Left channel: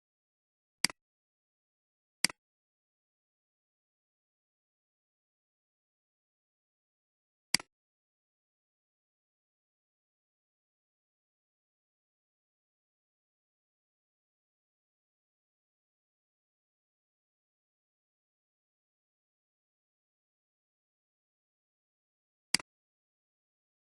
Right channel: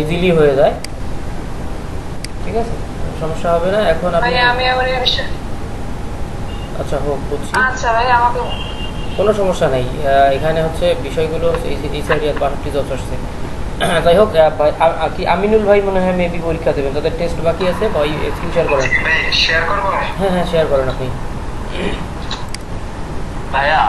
Easily হয়ে যায়। ঠিক আছে, সমস্যা হবে না। এখন আপনি আচ্ছা হোক, বুঝছি, কোনো সমস্যা নেই। এখানে হচ্ছে বিষয়গুলো হচ্ছে এই সাইডে 62 জব আসছে। যাই হোক, কি আমিনুল ভাই মনে হয় মেবি পরীক্ষা দেবেন, তাদের টেস্ট বাকি আছে। ভাই স্ক্রিন শেয়ার করেন। হ্যাঁ হ্যাঁ, শেয়ার করেন আপনি। ভাইয়া,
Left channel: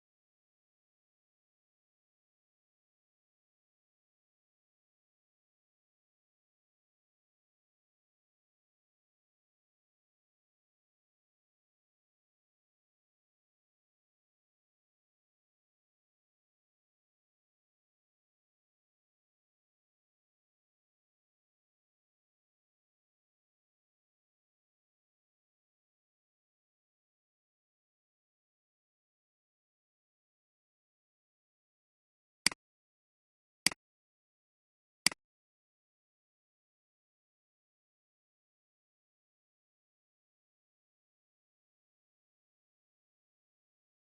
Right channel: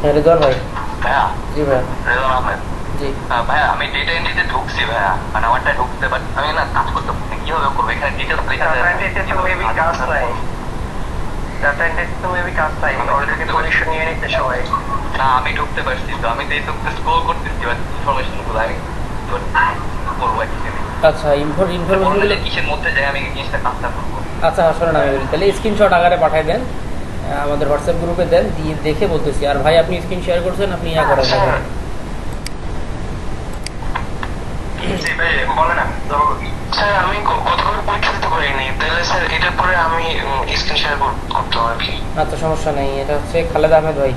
হ্যাঁ রেজাল ভাই। ভাইয়া, জি ভাইয়া। রেজাউল আহমেদ। জি ভাইয়া, আমি ডেটা এন্ট্রিতে ঢুকছি ভাইয়া, মানে আমারটা ঢুকতে, বাট আমি না কাজ করতে পারছি না। কিভাবে করবো? এখানে ডিটেলস লেখা আছে। ডাটা এন্ট্রিতে তো মেবি কাজ নাই। ডাটা এন্ট্রিতে তো মেবি কাজ নাই, অলরেডি পজিশন নিয়ে নিতে সবাই। না, আমি ঢুকতে পারছি তো। আমি তো এই তো স্ক্রল করতেছি, বাট ইনফরমেশন গুলো আমি করবো অ্যাকচুয়ালি। আচ্ছা, ইনফরমেশন গুলো কিসের মধ্যে যাই আমি জিনিসটা কাজটা করবো? আচ্ছা শোনেন, আমি বলি তাহলে স্ক্রিনশট আকারে পাঠিয়ে দেন, আমাদের হোয়াটসঅ্যাপ গ্রুপে দেন, দিয়ে দেখে বলতেছি। আর ভাই আপনি স্ক্রিন শেয়ার করছেন, আপনি ইয়া করেন। জি ভাই, বলেন। স্যার আমি গতকাল পরীক্ষা দিতে পারিনি, তাহলে স্যার এটার পরে আমি স্ক্রিন শেয়ার করতাম আর কি। আচ্ছা সমস্যা নেই, এটা হচ্ছে খালেদ আহমেদ ভাই।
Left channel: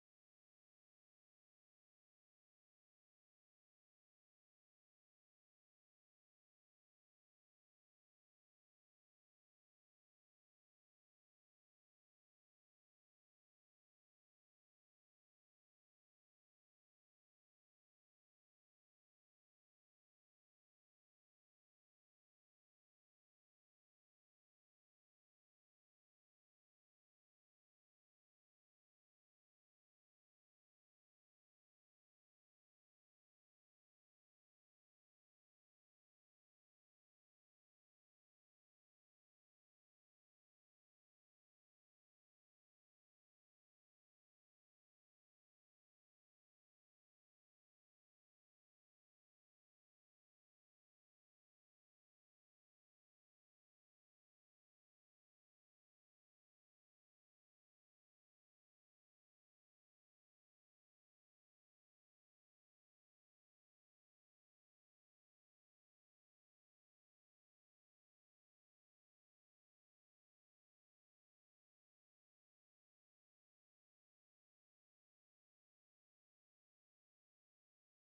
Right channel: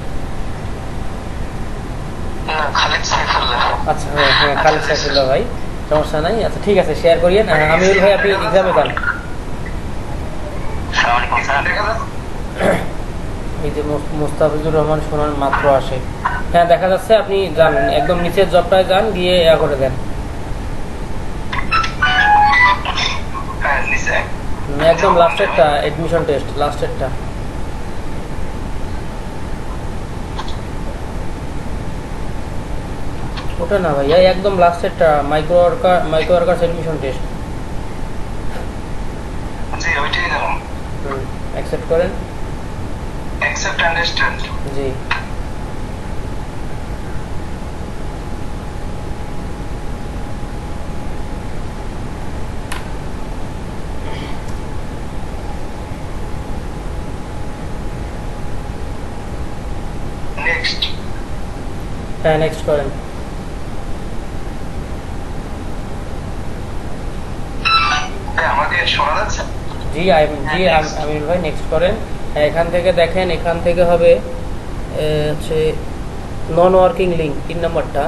না, খালিদ সাইফুল্লাহ। আচ্ছা হ্যাঁ হ্যাঁ, খালেদ সাইফুল্লাহ ভাই, সমস্যা নাই। আচ্ছা ঠিক আছে, শেয়ার করিয়েন। আমিরুল ভাই আপনি এক্সামে যান। আসসালামু আলাইকুম স্যার। এই যে মোস্তাফিজুর রহমান সোনান মাত্র আসে। হ্যাঁ দেখা যাচ্ছে, আপনি যান একদম নিচের জবটায় যান, গিয়ে ইয়া করে দেন। হ্যাঁ নিচে একদম লাস্টেরটা, এডমিশন টেস্ট লাস্টেরটা। ওটা না ভাইয়া, একদম লাস্টেরটা, মাইক্রো ওয়ার্কার্স এডমিশন টেস্ট। জি ওইটাই দিলাম। অ্যাকসেপ্ট করেন। Accept understand. জি নেক্সট। হ্যাঁ নেক্সট করেন। আমাকে শোনা যাচ্ছে? জি আমির ভাই নেক্সট করেন। হ্যাঁ, এখান থেকে দেখেন, এখান থেকে হবে হচ্ছে নন ওয়ার্কিং লিঙ্ক 3 নম্বরটা।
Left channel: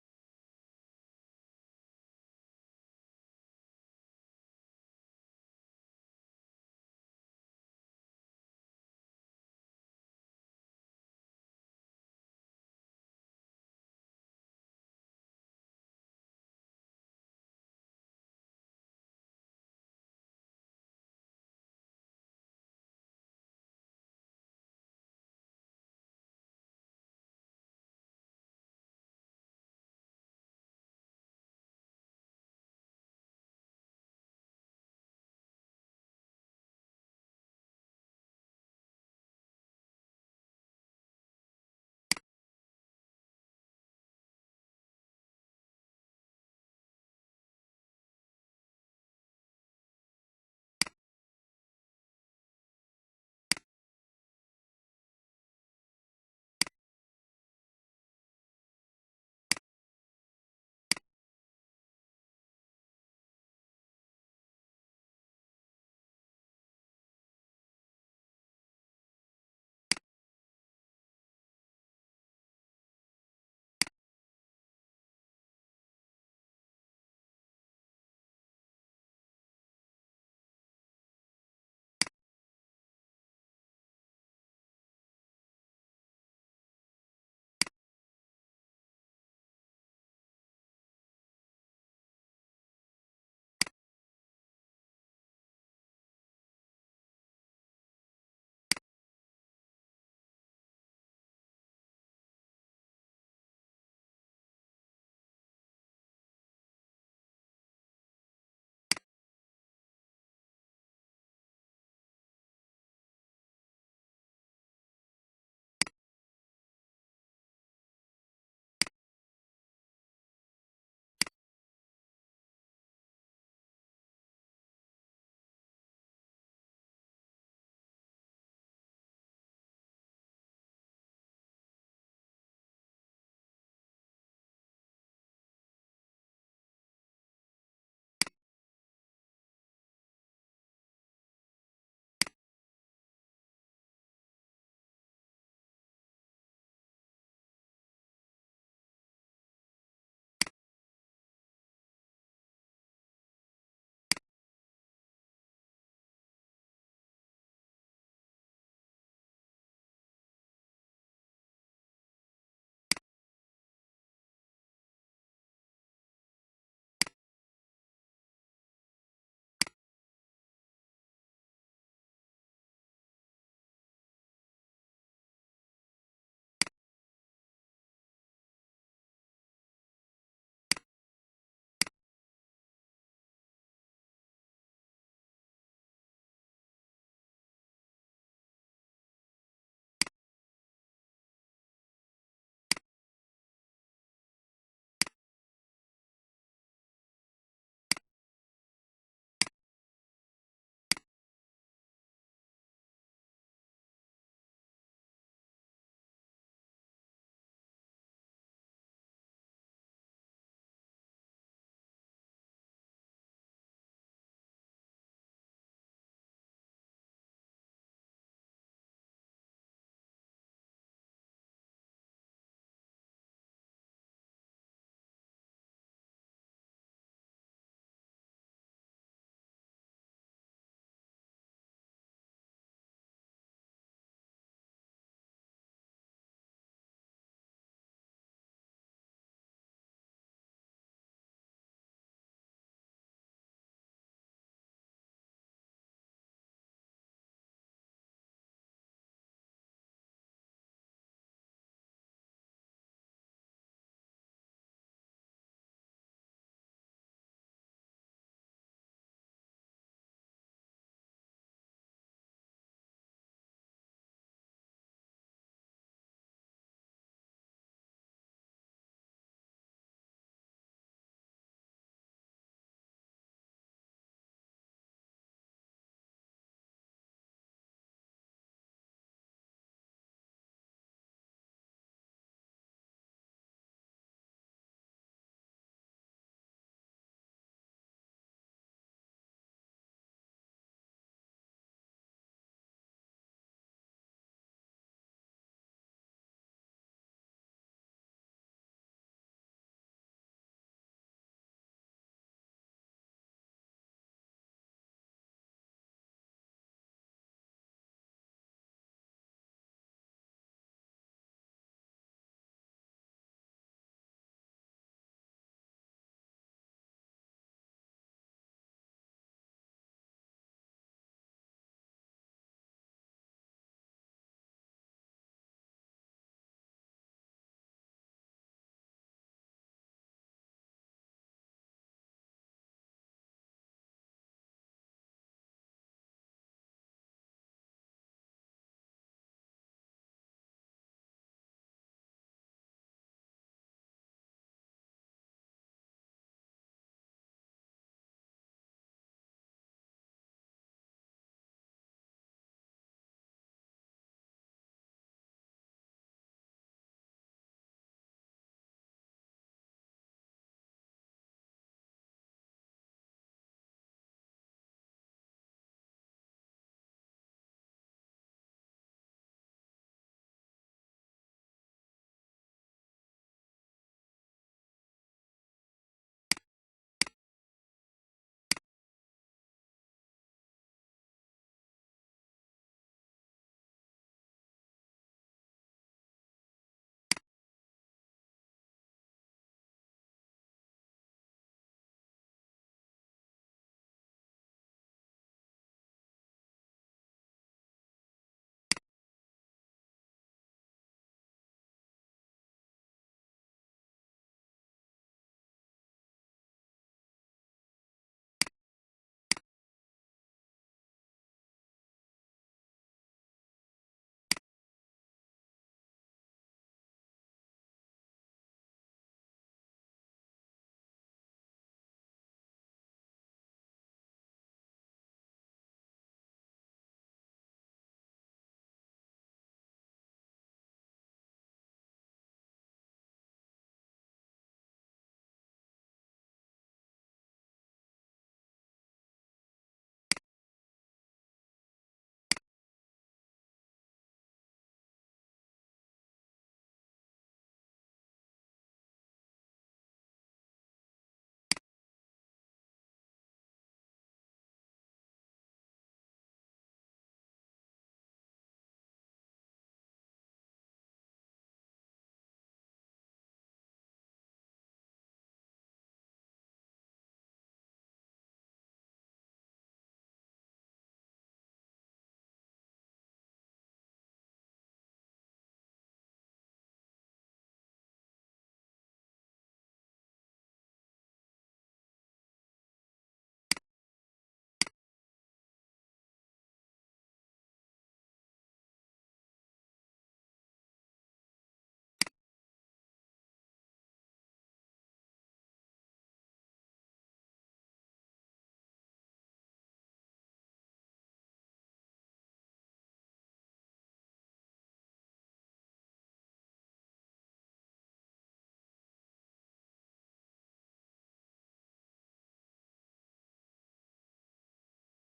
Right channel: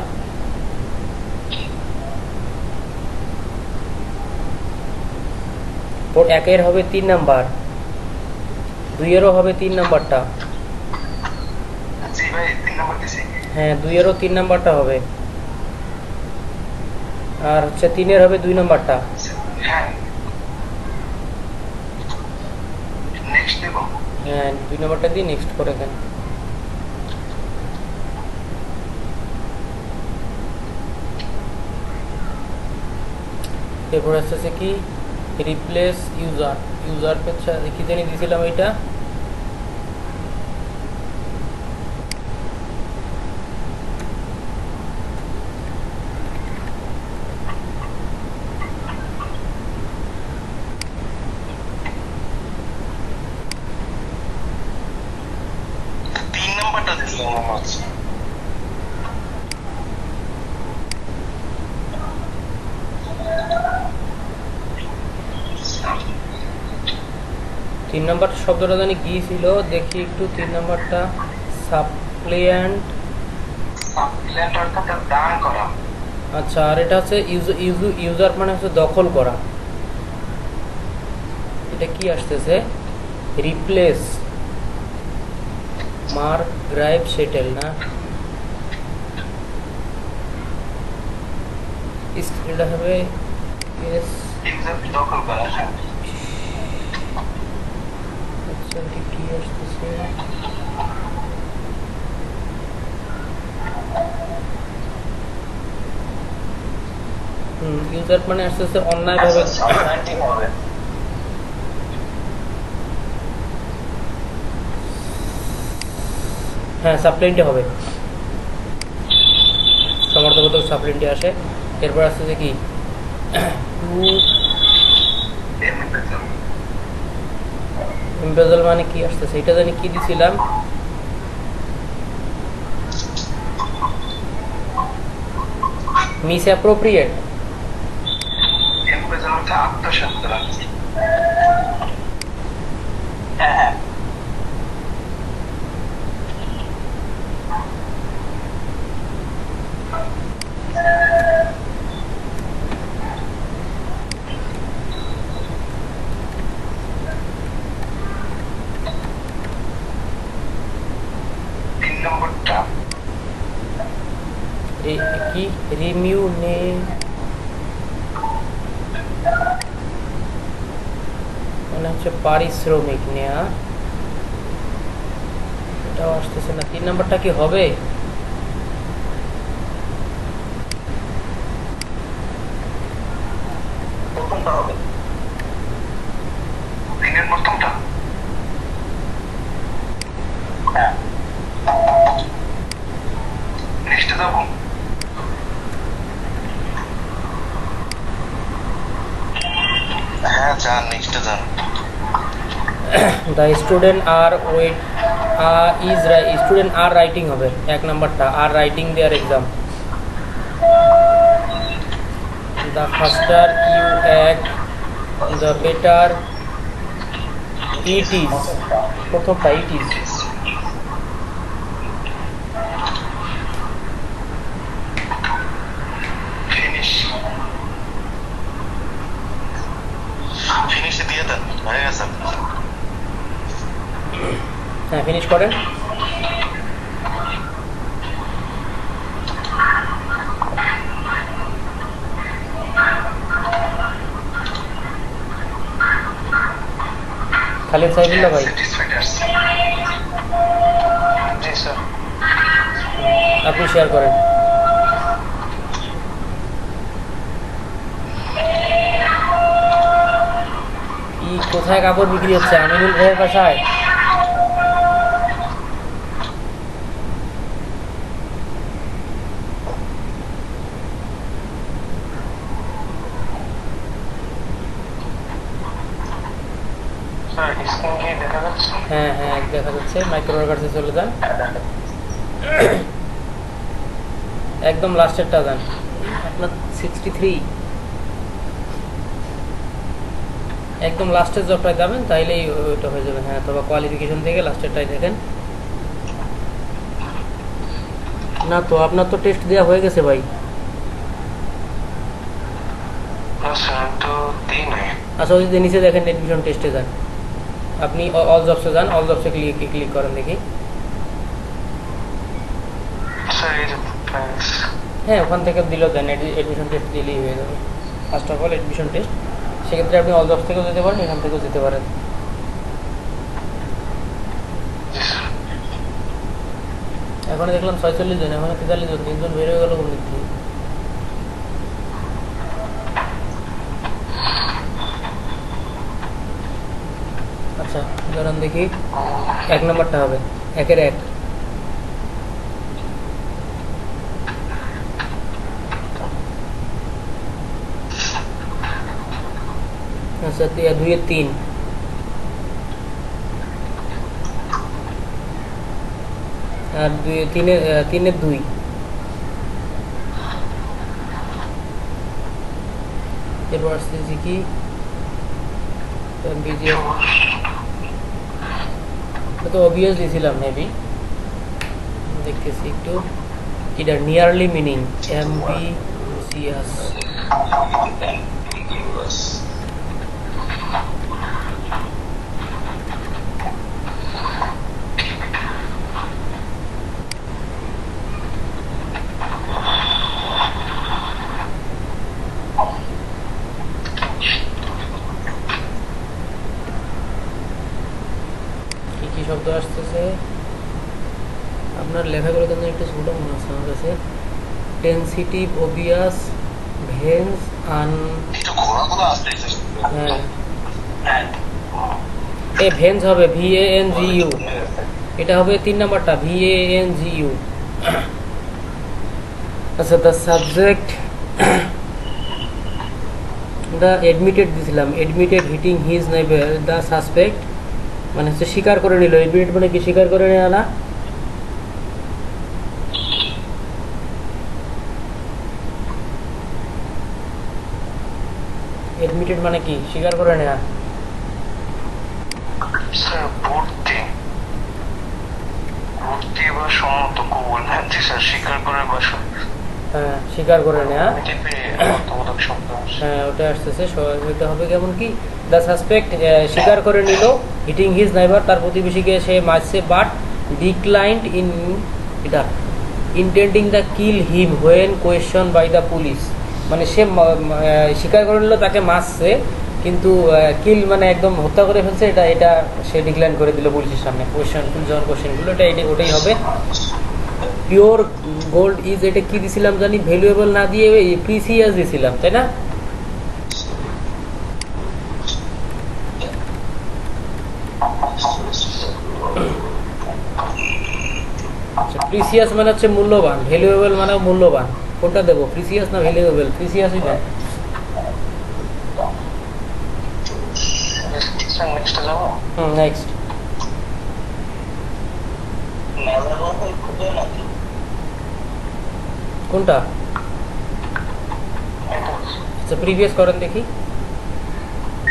একের হবে 3 নাম্বার, 2-এরও হবে 3 নাম্বারটা। জি ভাই, 3 নম্বর দিছি। হ্যাঁ 2-এরও 3 নাম্বারটা হবে, আর হচ্ছে 3-এর হবে 2 নাম্বারটা। হ্যাঁ নেক্সট দেব। হ্যাঁ 2 নাম্বারটা দিয়ে নেক্সট করে দেন। এরপর আসতেছে কি, রিপ্লেস ইউজার পেছা কি জানি দিয়েছিলাম এটা। তিন নম্বরটা দিছিলাম মনে হচ্ছে। 3 নাম্বার শব্দটা জানি কি ছিল, দেখি একটু। 3 নাম্বারটা সাপ্লিয়েন্ট। সাপ্লিমেন্ট অর্থাৎ দান করা। আচ্ছা, আর এটা হচ্ছে ইউজার মানে হচ্ছে দখল করা। এটা কি আসতেছে, রিপ্লেস মার্ক গ্রাইভ সেটেল না, এটা হবে এস। ইউজার দখল করা। হ্যাঁ আচ্ছা এটা কি আসতেছে, ইউজার মানে আসতেছে অন্যায়ভাবে। হবে। হ্যাঁ সাপ্লিয়েন্টে হবে, সমর্থবোধক সাপ্লিয়েন্টে আসে। এরপর আসতেছে কি, এমবেজল মানে কি আসতেছে, এটা জানি কি দিছিলাম। Miss appropriate. এমবেজল অর্থ আত্মসাৎ করা। হ্যাঁ কি রিমিউ নে মানে হচ্ছে পারিশ্রমিক নেয়া, এটাও আসতেছে না। 3 নাম্বারটা কি হবে? প্রথমটা হবে, 3-এর প্রথমটা। হ্যাঁ, নেক্সটে যাবো। হ্যাঁ যান, নেক্সটে যান। The student are wait student are writing হবে 1 নাম্বারটা, are writing their exam. The faster you act the better it is, প্রথমটা ইট ইজ। ফিনিশ, ফিনিশে দিয়ে দেন, হয়ে গেছে। হ্যাঁ ফিনিশ করেন। খালিদ সাইফুল্লাহ ভাই, জি স্যার। আপনি শেয়ার করেন। কি কোথায় কাপড় বিক্রি হচ্ছে? আমিনুল ভাইয়ের বাসায়? স্যার স্ক্রিন কি দেখা যাচ্ছে? হ্যাঁ হ্যাঁ দেখা যাচ্ছে। মাইক্রোর কাছে চলে যান, একদম লাস্টেরটা যান। আপনার 63, একদম লাস্টের জবটায় যাবেন, তাইলেই ওইটা হয়ে যাবে। হ্যাঁ, অথবা কোয়ালিফিকেশন থেকে লাস্টেরটাই দেখেন। না তো আপনার তো টেস্ট দেওয়া হয়ে গেছে ভাই। না স্যার, তো দিই নাই। আচ্ছা ওই যে নিচে দেখেন এডমিশন টেস্টে যান, আপনি অল জবসে যান, অল জবসে ক্লিক করেন দেখি। স্যার এই যে থ্যাঙ্কস। হ্যাঁ ওখান থেকে দিলেও দেন, এডমিশন টেস্ট দিলেই হয়ে যাবে। First of all admission test, সেক্ষেত্রে আপনি অল জবস থেকেও যেতে পারেন, এখান থেকেও যেতে পারেন। জি স্যার। এখন দেখলাম 46 জন, এখন 43 জন, 3 জন বের হয়ে গেল কোন দিক থেকে? আচ্ছা ধরেন দেখি 1 নাম্বারটা হবে 1-এর 1। আচ্ছা 2-এর 3, আর 3-এর 2, এরপর আসতেছি কি বিজিএস, তো অবভিয়াস দিয়েছিলাম মেবি, দেখতেছি একটু এটা নিয়ারলি মিনিং এমবিসিএস। কি কি শব্দ আসতেছে আপনার লেখাগুলো কিন্তু একটু ছোট মনে হচ্ছে আমার কাছে। টেনসিটিভ, ওবিয়াস, ভেন্স, আন, হ্যাঁ এ ভেন্স হবে VANGU, এটা হবে 3 নাম্বারটা VANGU। আচ্ছা দ্য সাবজেক্ট, দ্য এডমিটেড দিছিলাম, admitted hitting his neighbour the suspect, মানে হচ্ছে স্বীকার করে নিল। এডমিটেড মানে কি স্বীকার করে নেওয়া না? এডমিটেড মানে কি স্বীকার করে নেওয়া। স্যার ভর্তি, ভর্তি বা সম্মত কবুল। হ্যাঁ জি স্যার, স্বীকার করে বা হ্যাঁ স্বীকার করে নেওয়া, অর্থবোধক শব্দ। হ্যাঁ ওটা আসতেছে। ওইটা হবে কেমন কি, দ্য সাসপেক্ট স্বীকার করে নিল, হিটিং হিজ নাইবার তার প্রতিবেশীকে সে মারছে, বাট ডিক্লাইন্ড ইন এটা intending the kill him when question by the police, মানে সে স্বীকার করে নিল তাকে মারছে, কিন্তু কিল মানে একদম হত্যা করে ফেলছে, এটা এটা সে ডিক্লাইন করে দিল পুলিশের সামনে। কোয়েশ্চন পুলিশ যখন কোয়েশ্চেনগুলো ওটাই হবে। পিওর গোল্ড ইজ, এটা কি দিছিলাম জানি, ভ্যালুয়েবল না দিয়ে প্রিসিয়াস দিছিলাম, তাই না? প্রিসিয়াস মানে হচ্ছে মূল্যবান, ভ্যালুয়েবল মানে মূল্যবান। কোনটা দেবো, প্রিসিয়াস না ভ্যালুয়েবল? প্রিসিয়াসই দেন। নেক্সট যাবো। নেক্সট কোনটা? আচ্ছা প্রিভিয়াস করেন দেখি।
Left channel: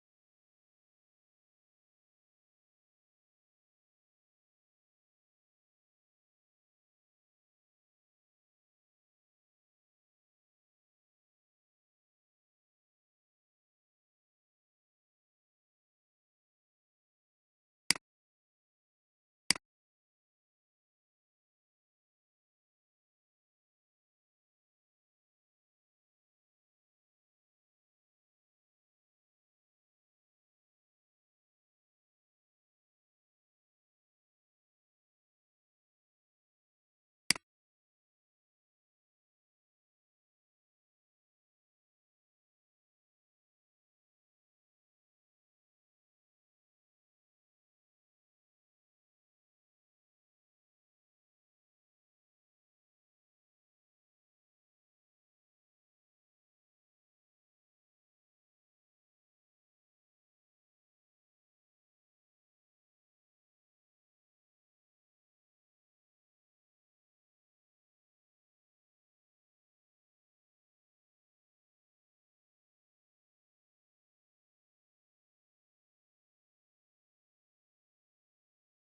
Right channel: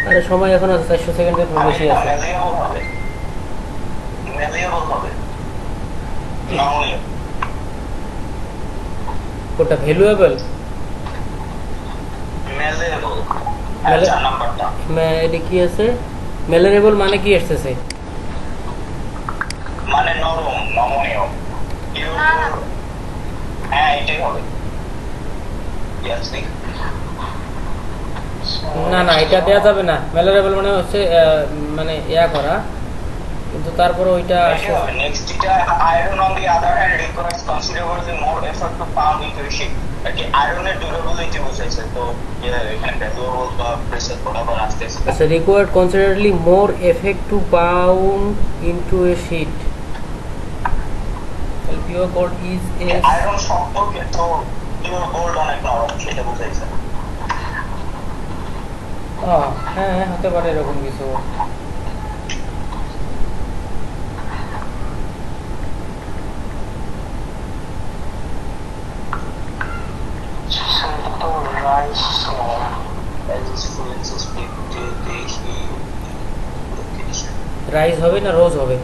আরে সময় এখন আছে, 400 সেকেন্ডের বেশি আছে। কোনটা ভ্যালুয়েবল? এটা কি আছে? মেলারেবল মানে কি আসতেছে? মানে নরম, নমনীয়। হ্যাঁ এটাই হবে। না না, এটা দেওয়া যাবে না। মেলারেবল মানে হচ্ছে মানে ইয়া করা, কিন্তু তারপরে ওইটা নেক্সট এটা iron on the other hand requires considerably more effort to pound into a ship. আর কি আয়রনের ডিউরেবিলিটি বুঝাইছে, তো এখানে ভ্যালুয়েবল বা প্রেসার বরাবর আসতেছে। আচ্ছা, required considerably more effect to pound into a sheet. Pure gold is a iron শক্ত কিন্তু পিওর গোল্ড অনেক নরম, সেটা বুঝাইছে। হ্যাঁ হতে পারে এরকম কিছু। রাইজ হবে না রোজ হবে?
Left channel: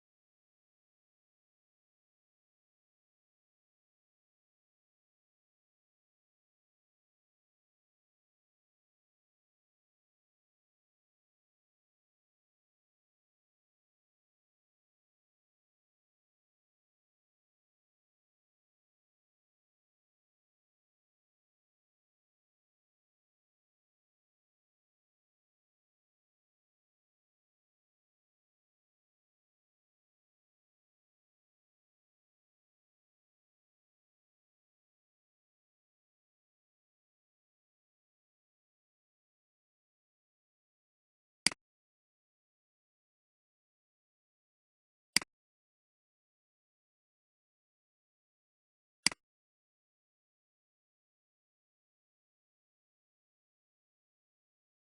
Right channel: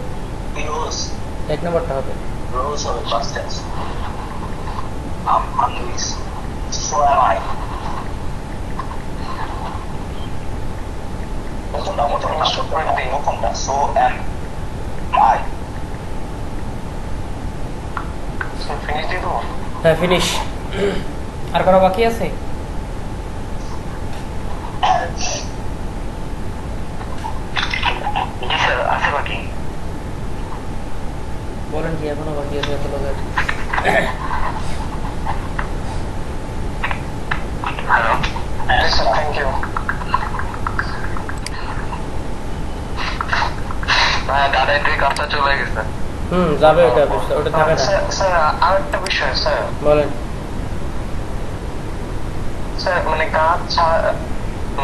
এক নম্বরটা হবে। Rose of the past tense. I'm hungry. So am I. So am I. হ্যাঁ ফিনিশ। আর করা বাকি আছে? বলেন কি এখনো বাকি আছে এত লোকের? Thank you. ডাটা এন্ট্রি কাজটা চলে গেছে। যাবে, ওটা থাকে না। স্যার আরেকটা বিষয় স্যার। বলেন। স্যার মানে কাজ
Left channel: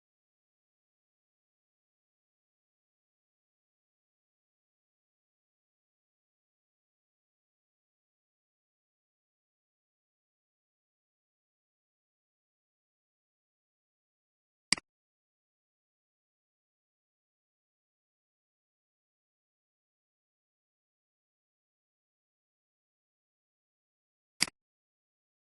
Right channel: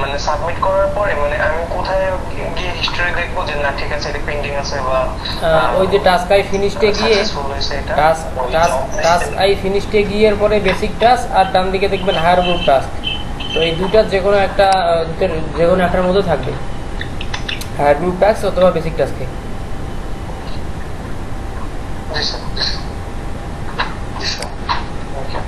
মানে সাবমিট করার পরে মানে আমি কোথায় গিয়ে হিস্টরি দেখবো যে না ঠিক আছে এটা পেন্ডিং আছে, বা ওই যে টাস্ক আই ফিনিশডে গিয়ে, টাস্ক আই ফিনিশডে গিয়ে এর পরে বেসিক টাস্ক, আর ডান দিকে দেখবেন হায়ার গ্রুপ টাস্ক। তো এই দুইটার যে কোনো একটার মধ্যে থাকবে, হায়ার গ্রুপ টাস্ক অথবা বেসিক টাস্কে। জি স্যার। জি স্যার, থ্যাংক ইউ।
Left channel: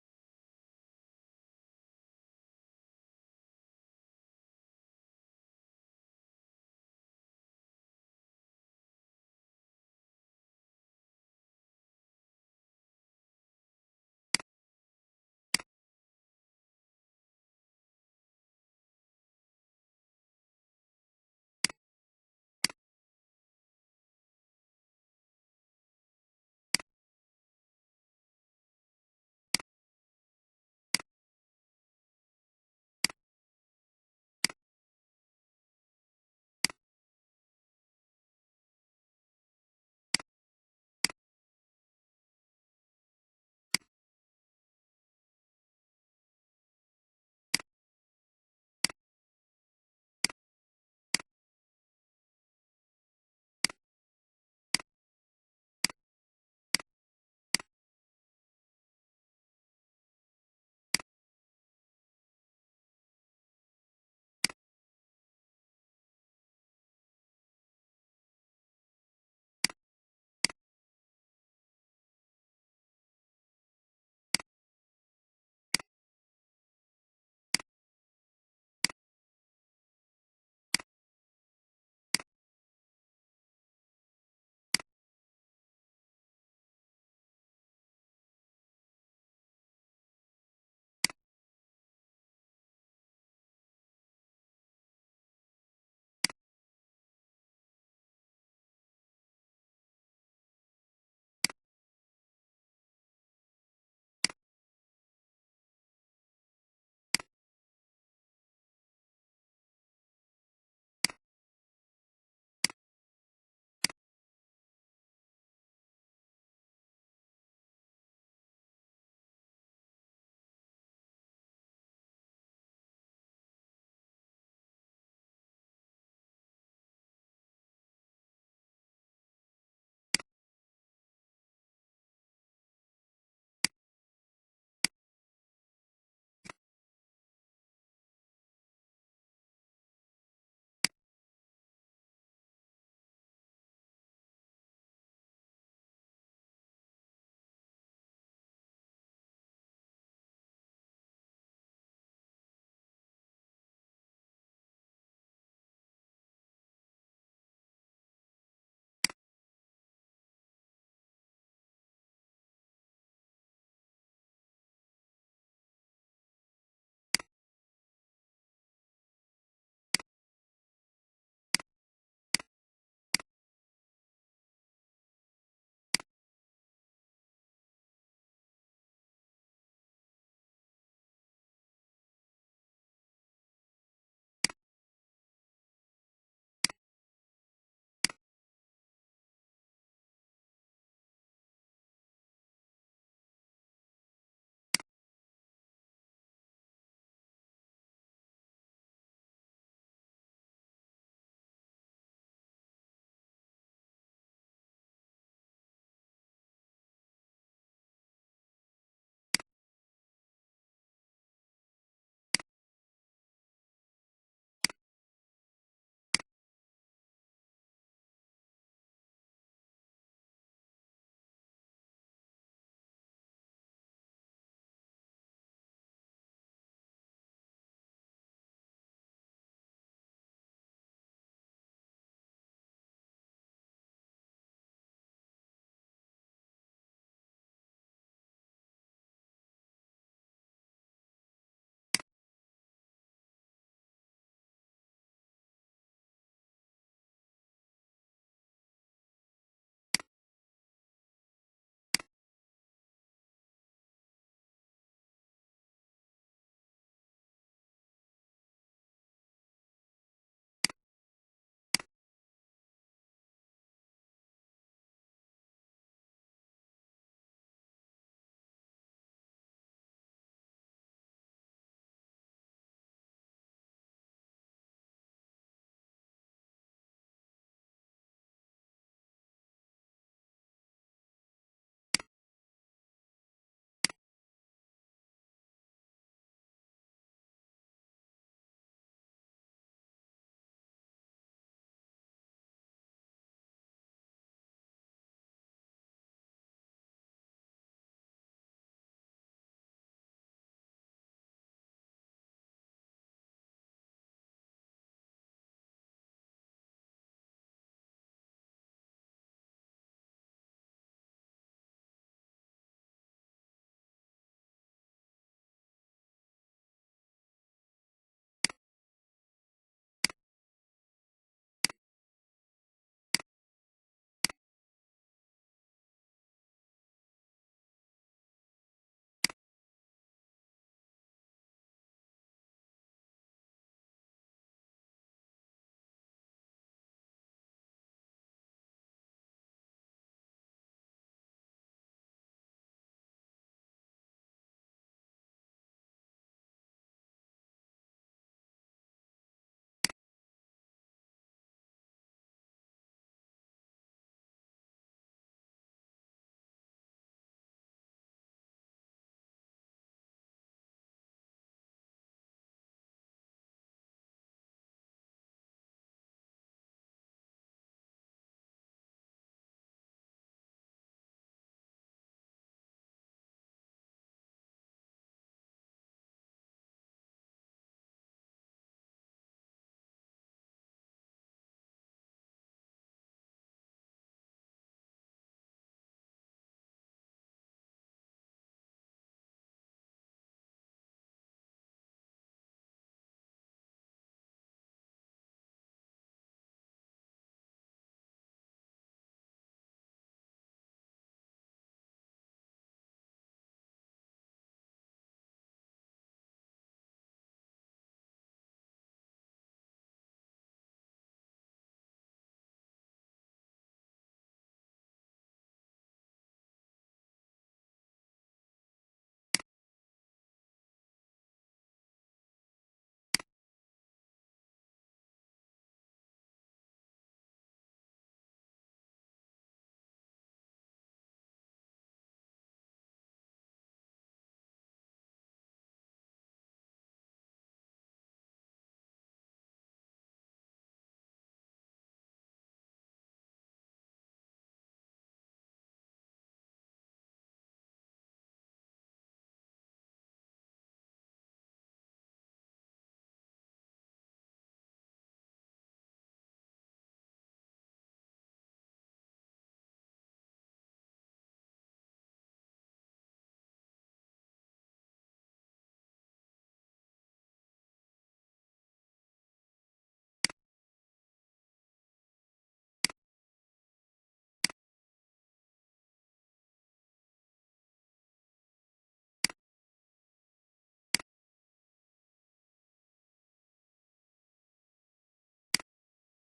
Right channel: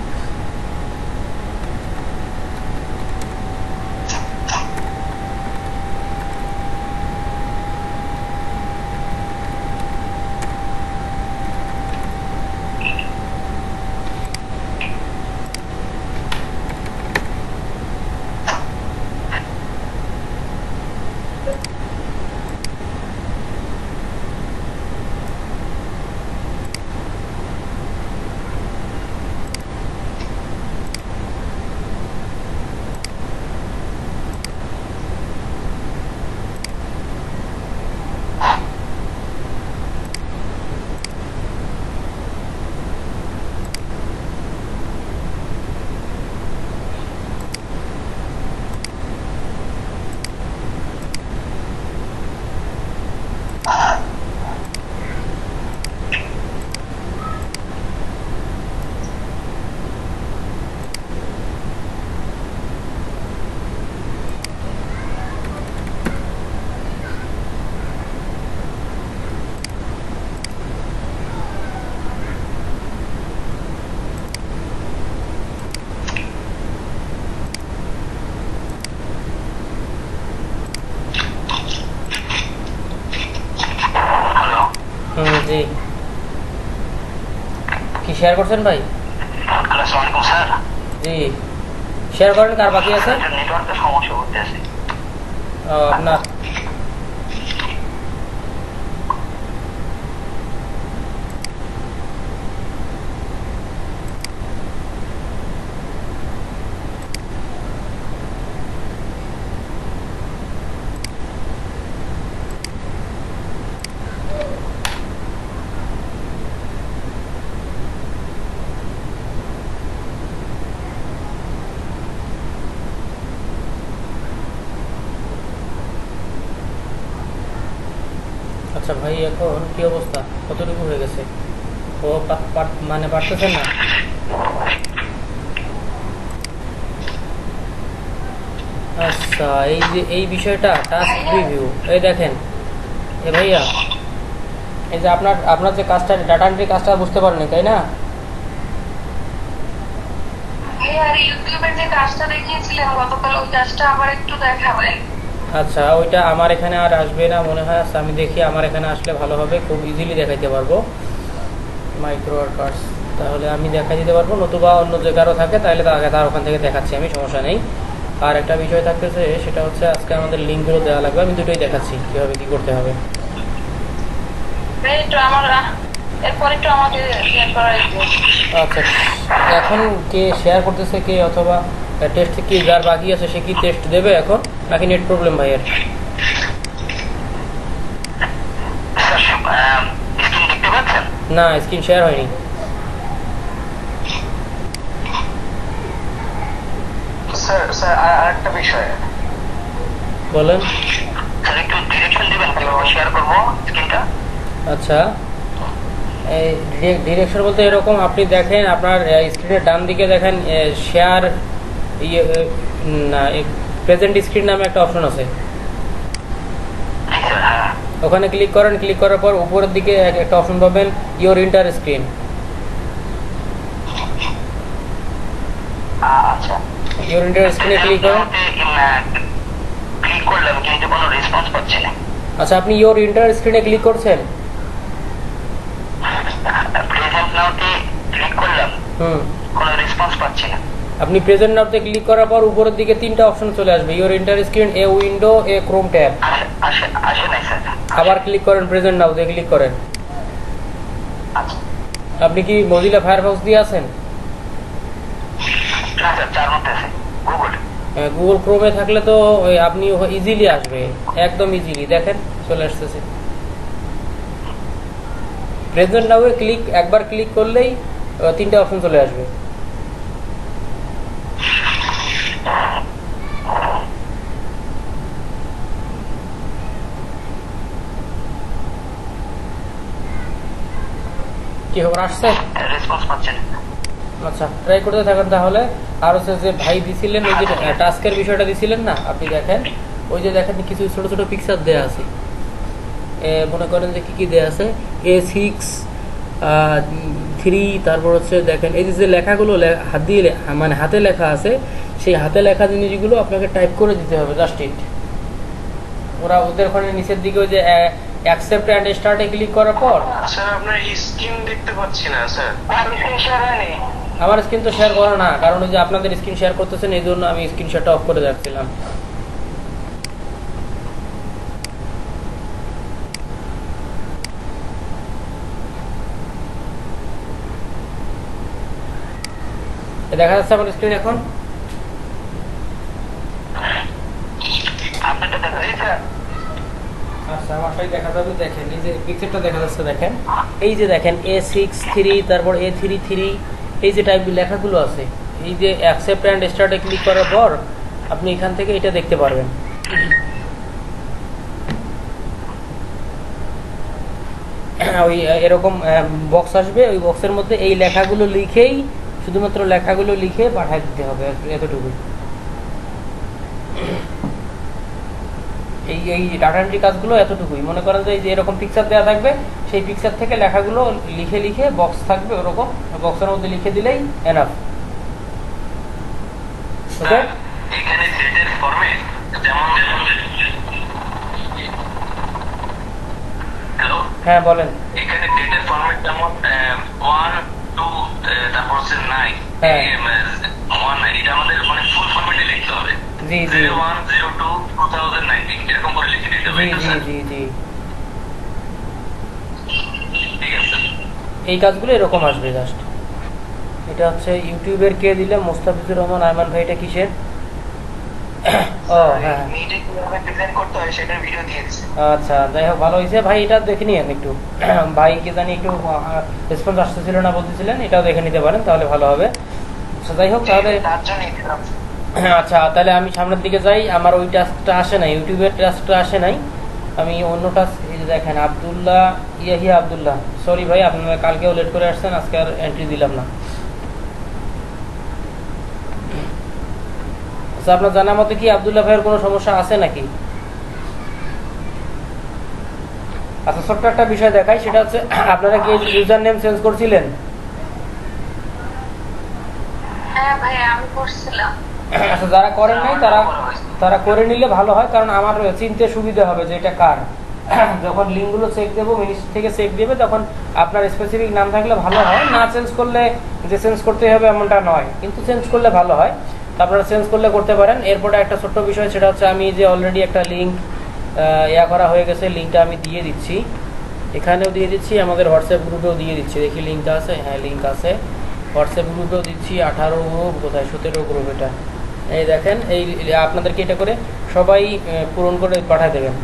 জি, কি শেয়ার করছেন ভাই? আসসালামু আলাইকুম স্যার। জি, শেয়ার করেন। কার বাকি আছে? নেটওয়ার্কের সমস্যা হচ্ছে। আপনার আচ্ছা ভাই, এখন কি অবস্থা? কতটুকু হয়ে গেছে? ও মানে পারতেছেন না? আচ্ছা, এই যে এই বিষয়টা টাস্ক প্রিভিউ, এই দেখেন এ ভাইয়া, এই যে আপনার আপনার যে কাজটা, ডাটা এন্ট্রি কাজটা বুঝতে পারেনি, তাই না? ইউটিউবের যে কাজটা দেখিয়েছিলেন গতকাল, ওই কাজটা আবার একটু দেখাবেন। আচ্ছা, ওইটা আমার এখানে আর আসবে না মনে হয়। আচ্ছা, আমি দেখি আমার এখানে আসলে ভালো হবে, খুব ইজিলি দেখাইতে পারবো মাইক্রো ওয়ার্কার্স। তাহলে আমি দেখাই দিতে পারবো, নতুবা অন্য যে কারো থাকে তাহলে তার ওখান থেকে দেখাচ্ছি আমি, সমস্যা নেই। আর একটা বিষয় থাকতেছে, সেটা হচ্ছে আজকে আমাদের লিঙ্কগুলো দেওয়া লাগবে। আমি দুটোই দেখাচ্ছি কীভাবে কী করতে হবে। এরপর একটু আমাকে শেয়ার করা একটু। আচ্ছা, এখন কে শেয়ার করতেছে কে, অথবা টেস্ট কি যার বাকি আছে সে কি টেস্ট দেবে এখন, নাকি নেট প্রবলেম ভাইয়ের? দেখতে পাচ্ছেন? না, স্ক্রিন শেয়ার হয়নি। স্যার স্যার আরেকটা বিষয় বলেন। স্যার একটু ডিরেকশন দিবেন কিভাবে শেয়ার করবো স্ক্রিনটা? আচ্ছা, এই ডিরেকশন বলতে এরকম, আপনি দেখেন আপনার স্ক্রিনের ডান দিকে দেখেন শেয়ার ইয়ে না, প্রেজেন্ট স্ক্রিন নামে একটা অপশন আছে, ওখানে ক্লিক করেন। ক্লিক করার পর উপরের দিকে একটা অপশন পাবেন, ইওর ইন্টার স্ক্রিন। আচ্ছা, ইওর ইন্টার স্ক্রিনে ক্লিক করেন। ক্লিক করলাম কিন্তু কোনো রেসপন্স পাচ্ছি না। আচ্ছা, আপনি ইওর ইন্টার স্ক্রিনে ক্লিক করছেন? প্রেজেন্ট নাওতে ক্লিক করলাম, কোনো রেসপন্স পাচ্ছি না। আপনি প্রেজেন্ট নাওতে ক্লিক করার পর উপরের দিকে তিনটা অপশন চলে আসবে, your inter screen, a window, A Chrome tab. আসে নাই স্যার। আবার ক্লিক করেন, প্রেজেন্ট নাওতে ক্লিক করেন। আচ্ছা, আপনি কি মজিলা ফায়ারফক্স দিয়ে আছেন? না স্যার, চার মধ্যে আছে গুগল। গুগল ক্রোমে থাকলে তো আপনি ইজিলি আসবে, একদম ইজিলি দেখেন চলে আসতেছে। প্রেজেন্ট নাও ক্লিক, একবার ক্লিক করলেই তিনটা অপশন চলে আসবে। কি খবর, আসছে? রেসপন্স পাচ্ছেন? আচ্ছা, ট্রাই করতে থাকেন তাহলে। আর হচ্ছে যে ভাই দিছিলেন, ওই যে টাস্কের বিষয়টা দিছিলেন না, আপনি দেখেন ওই যে দেখেন কিছু ছোট ছোট পিকচার দেয়া আছে, মনে করেন যে কি কি দেয়া আছে, A6-3, তারপর হচ্ছে দেখেন এই যে লেখাগুলো হাত দিয়ে মানে হাতে লেখা আছে, সেই হাতে লেখা জিনিসগুলো আপনাকে টাইপ করে দিতে হবে, জাস্ট ইট। ওরা ওদের ওখানে নিচের দিকে ওই যে অ্যাকসেপ্ট অ্যান্ড স্টার্টে ক্লিক করার পর, স্যার আপনার স্ক্রিন দেখতে পাচ্ছি না স্যার। আমার স্ক্রিন তো শেয়ার করা না, কারণ ওই যে আপনাদের স্ক্রিন শেয়ার করতেছেন, এই জন্য আমি স্ক্রিন শেয়ারটা অফ করে রাখছিলাম। দেখা যাচ্ছে আমার স্ক্রিন এখন? আপনারটা দেখা যায় স্যার? আচ্ছা, আমারটাই দেখা যাবে। দেখেন এই যে পিকচারটা দেখা যাচ্ছে, দেখেন এই যে দেখেন A6-3, তারপর A3-3, এই যে টাইপ লেখাগুলো আছে, এই যে অ্যাকসেপ্ট অ্যান্ড স্টার্টে ক্লিক করার পর আপনি এখান থেকে এটা দেখতে পারবেন। ওই এরকম বক্স আসবে, ওই বক্সের মধ্যে এই লেখাগুলো লিখেই, শুধুমাত্র লেখাগুলো লিখে পাঠিয়ে দিতে হবে, এতটুকুই। এই এই ডাটা এন্ট্রি কাজগুলো এতটুকুই। মনে করেন যে এই যে এরকম পিকচার দেওয়া থাকবে, সেই পিকচার থেকে লেখাগুলো লিখে লিখে বক্স থাকবে, ওরকম বক্সের মধ্যে লিখে দিলেই এনাফ। ওকে, এখানে সেটের ফরম্যাট যেমন, হ্যালো, হ্যাঁ বলেন। এখানে ডেটের ফরম্যাট যেমন 1, 2, হচ্ছে নাই হ্যাঁ। ওয়ান নাই, এটা আমাদের মানে ফুল ফরম্যাটে লিখতে হবে। জি জি 0102-2019 এরকম করে লিখে দিতে হবে, জি ঠিক জি আছে? জি জি ঠিক আছে। এই কাজগুলো এরকম আসবে জাস্ট। এটা হচ্ছে ইউটিউবের কে দিলে মোস্তাফিজুর রহমান আরমান ভাই, এটা কিসের? ও হ্যাঁ, মিটে কিভাবে প্রেজেন্ট করতে হয় সেটার ভিডিও দিয়ে দিছে। আচ্ছা যাই হোক ভালো হয়েছে ভাই, এটা দেখে নিন একটু। ভাই কে জানি একটু রেসপন্স আসতেছিল না বলতেছিলেন, এটাও দেখে নিতে পারেন তাহলে ভালো হবে। আচ্ছা যাই হোক তাহলে তার জন্যই দিলাম। আচ্ছা তাহলে আমি সামনের দিকে যাই। আমার ওই টাস্কটা আসে নাই, ইউটিউবের টাস্কটা আসে নাই। আমি অন্য টাস্ক, এই যে দেখেন আবদুল্লাহ ইয়াহিয়া আবদুল্লাহ, সরি ভাই আপনারা কালকেও লেট করে আসছেন, আজকে আর এন্ট্রি দিলাম না। আচ্ছা আপনার জানা মতে কি আবদুল্লাহ ভাইয়ের কোনো সমস্যা আছে নাকি? আচ্ছা ছোট্ট একটা বিষয় দেখাই, সেটা হচ্ছে আপনারা কি ইউজার নেম চেঞ্জ করছিলেন? হ্যাঁ ভাই আমি করছিলাম। আচ্ছা যারা করেন নাই তারা তারা করে নিলে ভালো হয়, কারণ আমার চিনতে সুবিধা হবে যে এটা কার। যখন লিঙ্কগুলো চেক দেবো, মিনিস্ট্রি থেকে চেক দেবে, তখন আপনার স্পেসিফিক নাম থাকলে ভালো হয়। না চেঞ্জ করলে যে চেঞ্জ করতে হবে এমনটা নয়, কিন্তু চেঞ্জ করলে ভালো হয়। তো আপনারা চেঞ্জ করলে করতে পারেন। এরপরে একটা ছোট্ট বিষয়, সেটা হচ্ছে আমি যে অলরেডি একটা লিঙ্ক করা হয়ে গেছে, লিঙ্কটা আমি দিয়ে দিচ্ছি, এখানেও দিয়ে দিচ্ছি, আমাদের হোয়াটসঅ্যাপ গ্রুপেও দিয়ে দিচ্ছি। দেখি লিঙ্কটা আছে, হ্যাঁ লিঙ্ক আছে, হোয়াটসঅ্যাপ গ্রুপেও দিচ্ছি। 18 গ্রুপ কোথায়, 17 গ্রুপ, এটা এই দেখেন। এই আপনাদেরকে এটা করে সবাই পূরণ করে পাঠিয়ে দেবেন।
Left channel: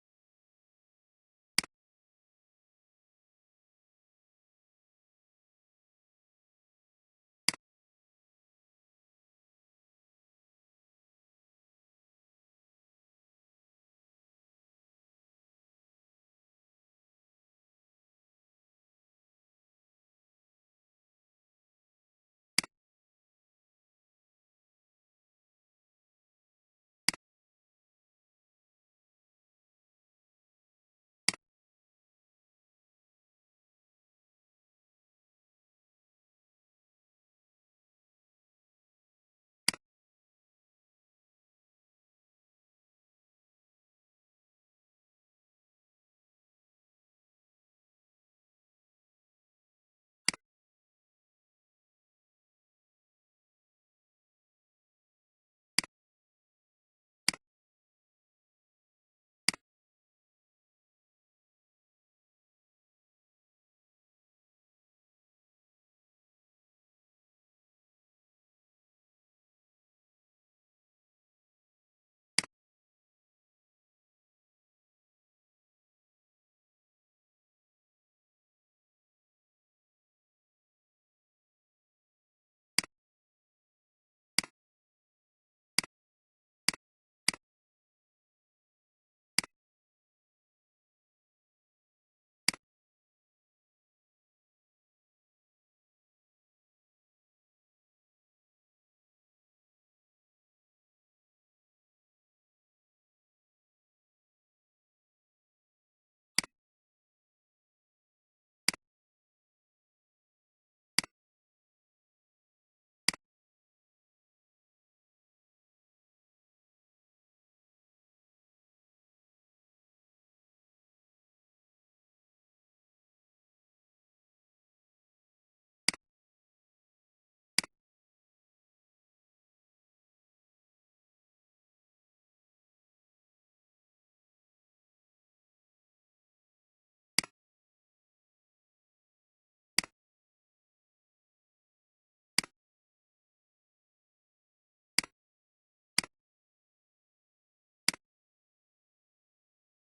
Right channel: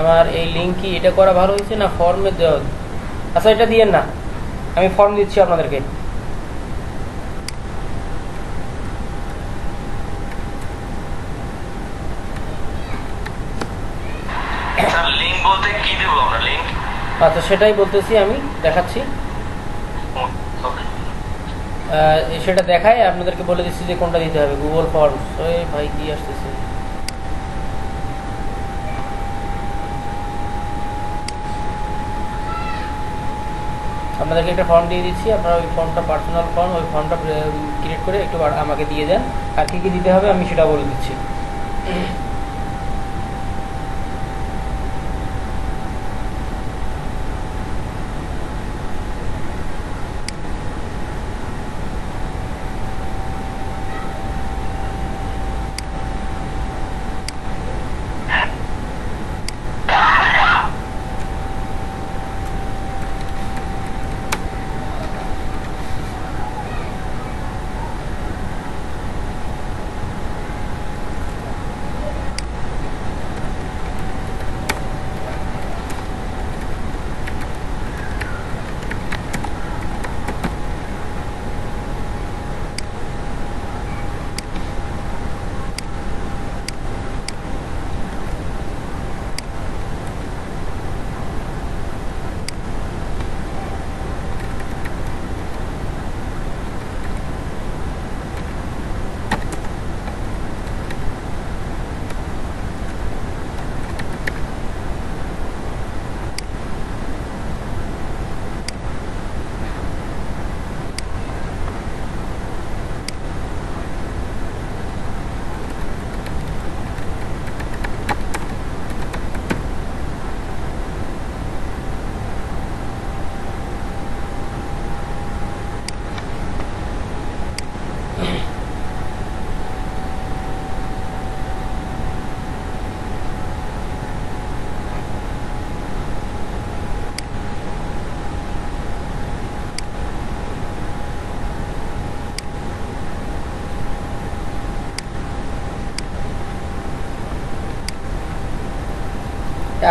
আমার এই লিঙ্ক কি এটা করা ভালো হয়েছে না ফর্মে দেওয়া? আচ্ছা এটা দিয়েন না, আমি ফর্ম দিচ্ছি আপনাদেরকে। স্যার লিংক বলতে কি দেবো আমরা লিংক? আচ্ছা সেটাই বলতেছি, আমি দেখাচ্ছি। সেটা দেখায় আপনাদেরকে বলে দিচ্ছি যে কোনটা দিতে হবে। গুগল ফর্মস, ওই ভাই কি আসতেছে, আপনাদেরকে একটা ফর্ম দিয়ে দিচ্ছি। আপনারা ওই ফর্মটা পার্সোনাল ফর্ম, ওই ফর্মটা ক্রিয়েট করে একটু আমাকে দিয়ে দেন। আর কি কি দিতে হবে আমি সেটা বলে দিচ্ছি।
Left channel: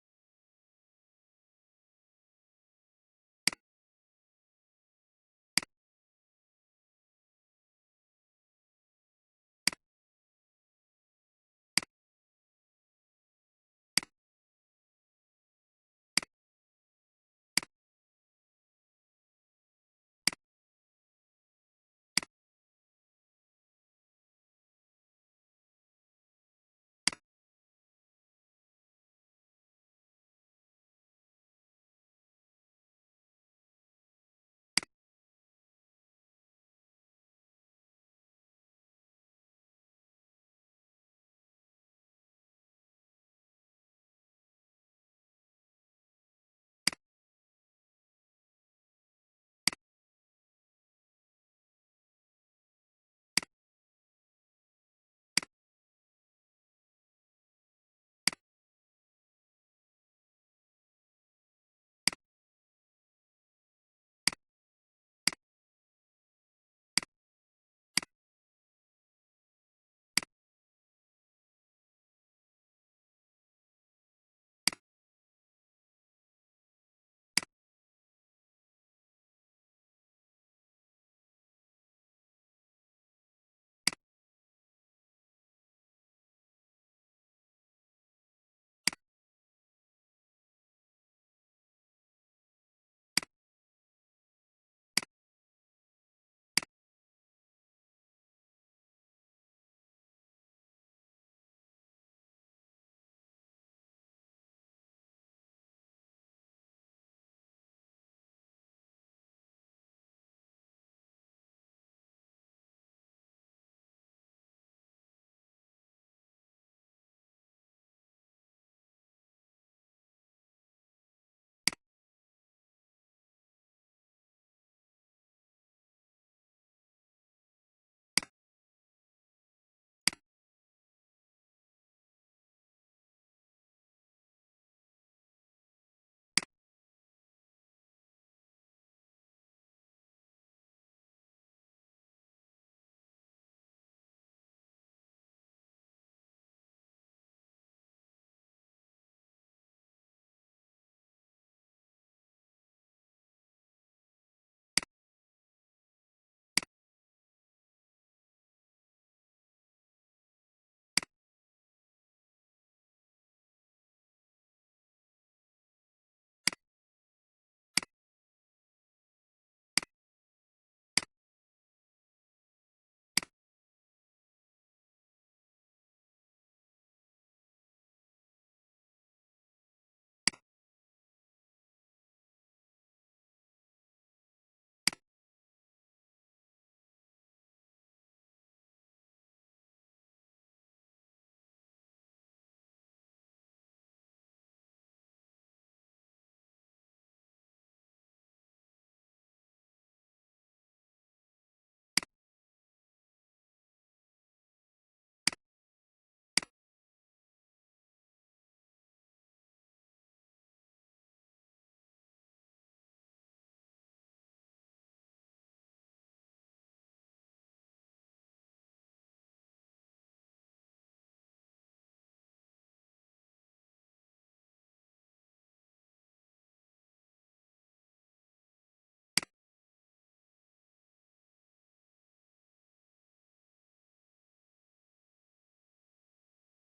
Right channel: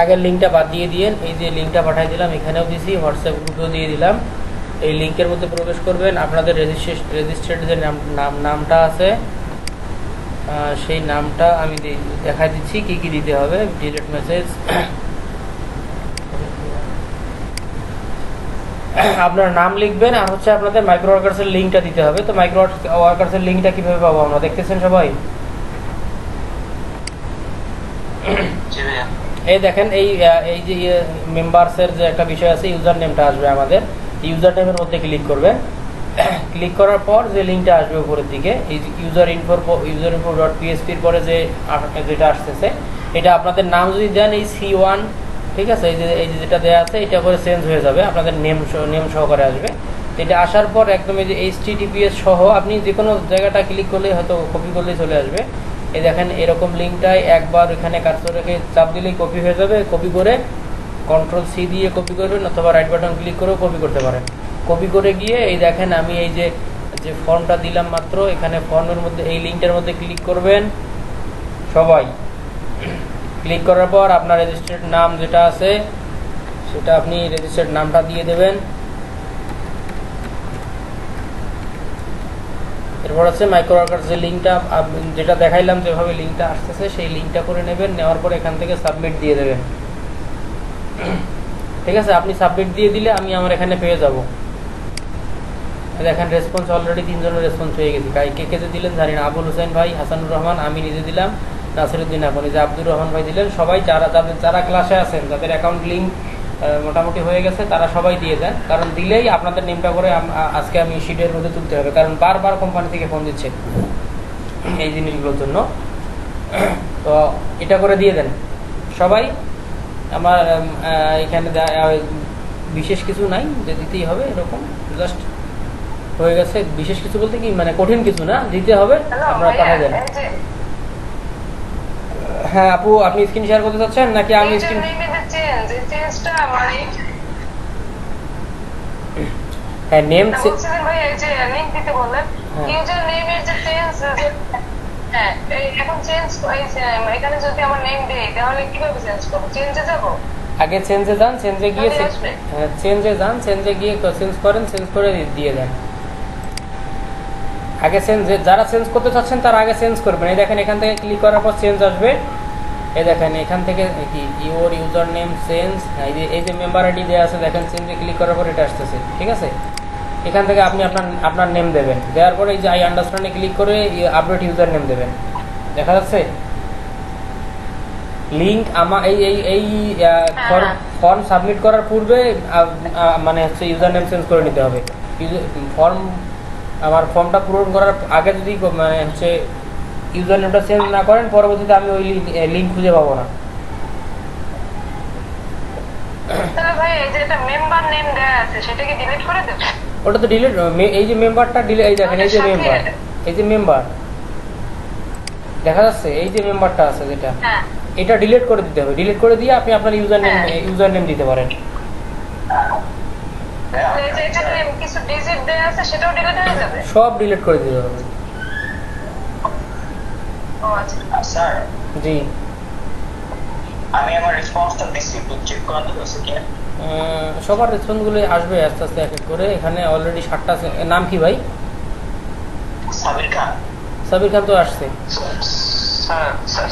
আগের লিঙ্কটা বাদ দিয়ে দিয়েন, এই যে লিঙ্কটা পাঠিয়ে দিলাম, এখানেও দিয়েছি, হোয়াটসঅ্যাপ গ্রুপেও দিয়ে দিলাম। এই লিঙ্কের মধ্যে প্রবেশ করবেন, আপনাদের রেজিস্টার্ড যে নামটা আছে সেই নামটা আমি দেখা দিচ্ছি কি কি দিতে হবে। ডিলিট মেসেজ, আপনার নাম লিখবেন, আর হচ্ছে আপনাদের মাইক্রো ওয়ার্কার্সের লিঙ্কটা দিতে হবে। তো মাইক্রো ওয়ার্কার্সের লিঙ্কটা কিভাবে পাবো আমরা, দেখতেছেন সবাই? এই দেখেন এই যে মেম্বার্সের যে একটা বিষয় আছে, ইউজার নেমটা আসবে আমাদের, ইউজার নেমের মধ্যে ক্লিক করবেন। ক্লিক করার পর যে লিঙ্কটা আসবে উপরের দিকে, এই ইউজার ইনফো ডট পিএসপির পরে যে যেটা আসতেছে, এটা আপনাদের নাম যদি দেন এই C1 ঠিক আছে, এই যে যেটা দেওয়া আছে এটা করে চেঞ্জ হয়ে যাবে, আপনাদের নেম সহকারে আসবে। তো এটা আসার পর একদম এই যে HTTPS সহ আপনি যে কোনো জায়গাটা ক্লিক করলেই হয়তো কপি করলেই চলে আসবে। এই দেখেন এরকম লিঙ্কটাই একবার এখানে কার্সর রেখে চাপ দিলেই কপি হয়ে যাবে। কপি করে Ctrl+C দিয়ে কপি করবেন অথবা রাইট বাটন ক্লিক করেও কপি করতে পারেন। কপি করে গিয়ে এই দেখেন আমি এই যে ফর্মটা দিলাম মাত্র, এখানে ফর্মের মধ্যে এই লিঙ্কটার মধ্যে ক্লিক করবেন সবাই। ক্লিক করার পর আপনার রেজিস্টার্ড নাম যেটা আছে সেটা আপনি রেজিস্টার্ড নামটা দিয়ে দেবেন। এরপর হচ্ছে মাইক্রো ওয়ার্কার যে লিঙ্কটা যেটা দেখাইলাম যেভাবে লিঙ্কটা আসতেছে সেই লিঙ্কটা করে নেবেন, নেওয়ার পর এখান থেকে সাবমিট দিয়ে দেবেন। ঠিক আছে, আপনি সাবমিট দিয়ে দিলে আমি আমার এখানে পেয়ে যাব। দেখেন রেসপন্স অলরেডি 3 জনের রেসপন্স হয়ে গেছে। কে কে যে দিলেন জানি না, আবুল হোসেন ভাই, হাসানুর রহমান, আমি নিজে দিলাম, নাসিরউদ্দিন আপনি, যে আব্দুর রহমান ভাই দিলেন। সবাই যারা ক্লাসে আছেন যাদের অ্যাকাউন্ট লিঙ্ক মোটামুটি হয়ে গেছে তারা সবাই দিয়ে দেন, কারণ দিলেই আপনাদের নেমটা করে আজকে আমি শিটের মধ্যে তুলতে হবে, কারণ বারবার কোম্পানি থেকে ফোন দিচ্ছে এই জিনিসগুলোর জন্য। তো এটা করে দিয়ে দেন সবাই। আমার এখানে বিশেষ কিছু নাই যে দিতেই হবে, এরকম জাস্ট হয়ে গেছে। বিশেষ কিছু বলতে কি মানে কঠিন কিছু না, দিতে হবে, আপনারা পাঠিয়ে দেন। হ্যাঁ আপু, আপনি স্ক্রিন শেয়ার করতে চাচ্ছেন নাকি আমি স্ক্রিন? হ্যাঁ নেম ভাই এই যে লিংক দিতে বললেন, ইউজার নেমের যে চেঞ্জ, হ্যাঁ এখন চেঞ্জ এখানে যদি আমার নেম দেই তাহলে কিভাবে চেঞ্জ করব? চেঞ্জে যাব? আগে চেঞ্জে যান, চেঞ্জে গিয়ে চেঞ্জে যান, চেঞ্জে গিয়ে চেঞ্জ করেন, চেঞ্জ করে দিয়ে দেন। আগে যারা চেঞ্জ করতে চাচ্ছেন তারা আগে চেঞ্জ করবেন। এই দেখেন এখান থেকে ক্লিক করার পর চেঞ্জ আসবে। এই দেখেন এখান থেকে কি ইউর ইউজার নেম চেঞ্জ, এই যে মেম্বার আইডি দেওয়া আছে দেখেন, চেঞ্জে ক্লিক করার পর এটা আসতেছে। ঠিক আছে, এখান থেকে আপনি আপনার নেম দেবেন, দেওয়ার পরে এই যে আই আন্ডারস্ট্যান্ডে ক্লিক করে আপডেট ইউজার নেম দেবেন। দেখা যাচ্ছে লিঙ্ক আমার এই ফর্ম সাবমিট করার পূর্বে মানে হচ্ছে ইউজার নেম চেঞ্জ করে নিতে হবে। ফর্মটা পূরণ করার আগে যদি মানে হচ্ছে ইউজার নেমটা চেঞ্জ না করেন, পরবর্তীতে আমি ওই লিঙ্ক খুঁজে পাবো না। তাহলে ভাই এই যে এটা মেম্বার নেম দেয়া আছে সেটা কি ডিলিট করে দেব? ওটা তো ডিলিট, এই যে মেম্বারটা ডিলিট, এই দেখেন এই যে মেম্বার দেখা যাচ্ছে, এই যে মেম্বারটা আছে যেটা, এটা ডিলিট করে দিতে হবে। ডিলিট করে দিয়ে আপনি আপনার ইউজার নেম দিতে পারেন। কিছু ডিজিট দেয়া আছে সেটাও ডিলিট হয়ে যাবে? সব ডিলিট করে দিতে হবে। ও আচ্ছা স্যার, জি আমি আমার রেসপন্সটা দিছি, একটু চেক করা যাবে কিনা? সবার রেসপন্সগুলো আসবে আস্তে আস্তে এক এক করে। এখানে অলরেডি 7টা। নাম কি ভাই? সাবির খান। সাবির খান তো আসছে।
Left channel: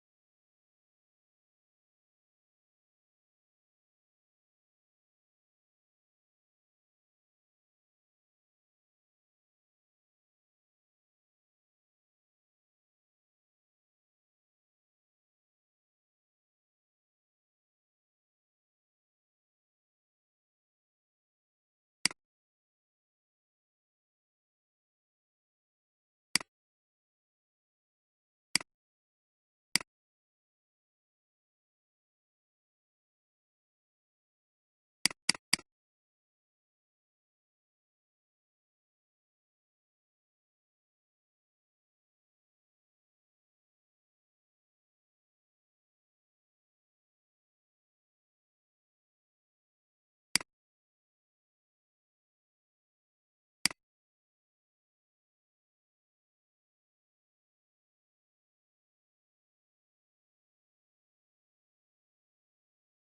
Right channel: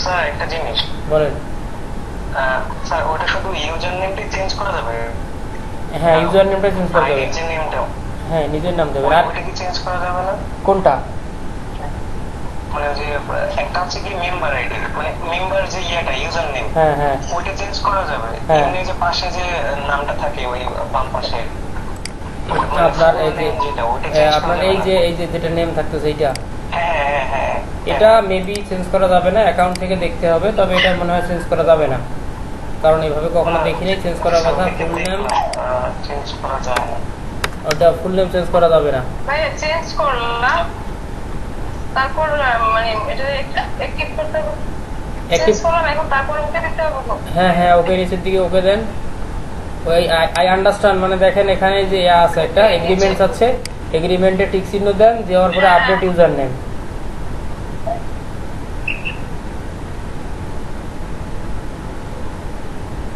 স্যার একটা জিনিস বলেন। স্যার ওটা শুধু ইউজার নেমটাই চেঞ্জ করা যাবে? হ্যাঁ ইউজার নেমটা চেঞ্জ করা যাবে। নিজের নেমটাও? হ্যাঁ নিজের নাম দেবেন। আর ওটা কি চেঞ্জ করা যাবে না? কোনটা? মানে যে একটা হচ্ছে কি মেম্বার আইডি, মানে মেম্বার যে ইয়েটা ইউজার নেম, হ্যাঁ হ্যাঁ ওইটা চেঞ্জ করা যাবে? হ্যাঁ। এমনি যে পাশে যে নামটা থাকে ওই বাম পাশে আপনার এই যে যেটা, ওইটা চেঞ্জ আপনার করা এই যাবে যে না? এই যে যেটা নেম থাকতেছে এইটা, হ্যাঁ এটা মেবি চেঞ্জ করা যাবে না, অ্যাকাউন্ট থেকে দেখতে হবে। তবে এটা মনে হয় চেঞ্জ করা যাবে না, কারণ এইভাবে কখনো দেখিনি চেঞ্জ করার কথা। ফুল নেম চেঞ্জ করা যায় না, ওটা ফুল নেম চেঞ্জ করা যাবে না। ভাই চেঞ্জ করলাম, তারপর মানে এটা অ্যাক্টিভ করতে হবে। চেঞ্জ করলাম, এখন তারপর ওকে দিতে হবে। হ্যাঁ হ্যাঁ ওকে, নিচের দিকে ওকে দেন। ওই আই আন্ডারস্ট্যান্ড মানে দেখেন এখানে যে আছে একটা এগ্রিমেন্টস আছে, এগ্রিমেন্টে টিক চিহ্ন দেন, দেওয়ার পরে আপডেট ইউজার নেম।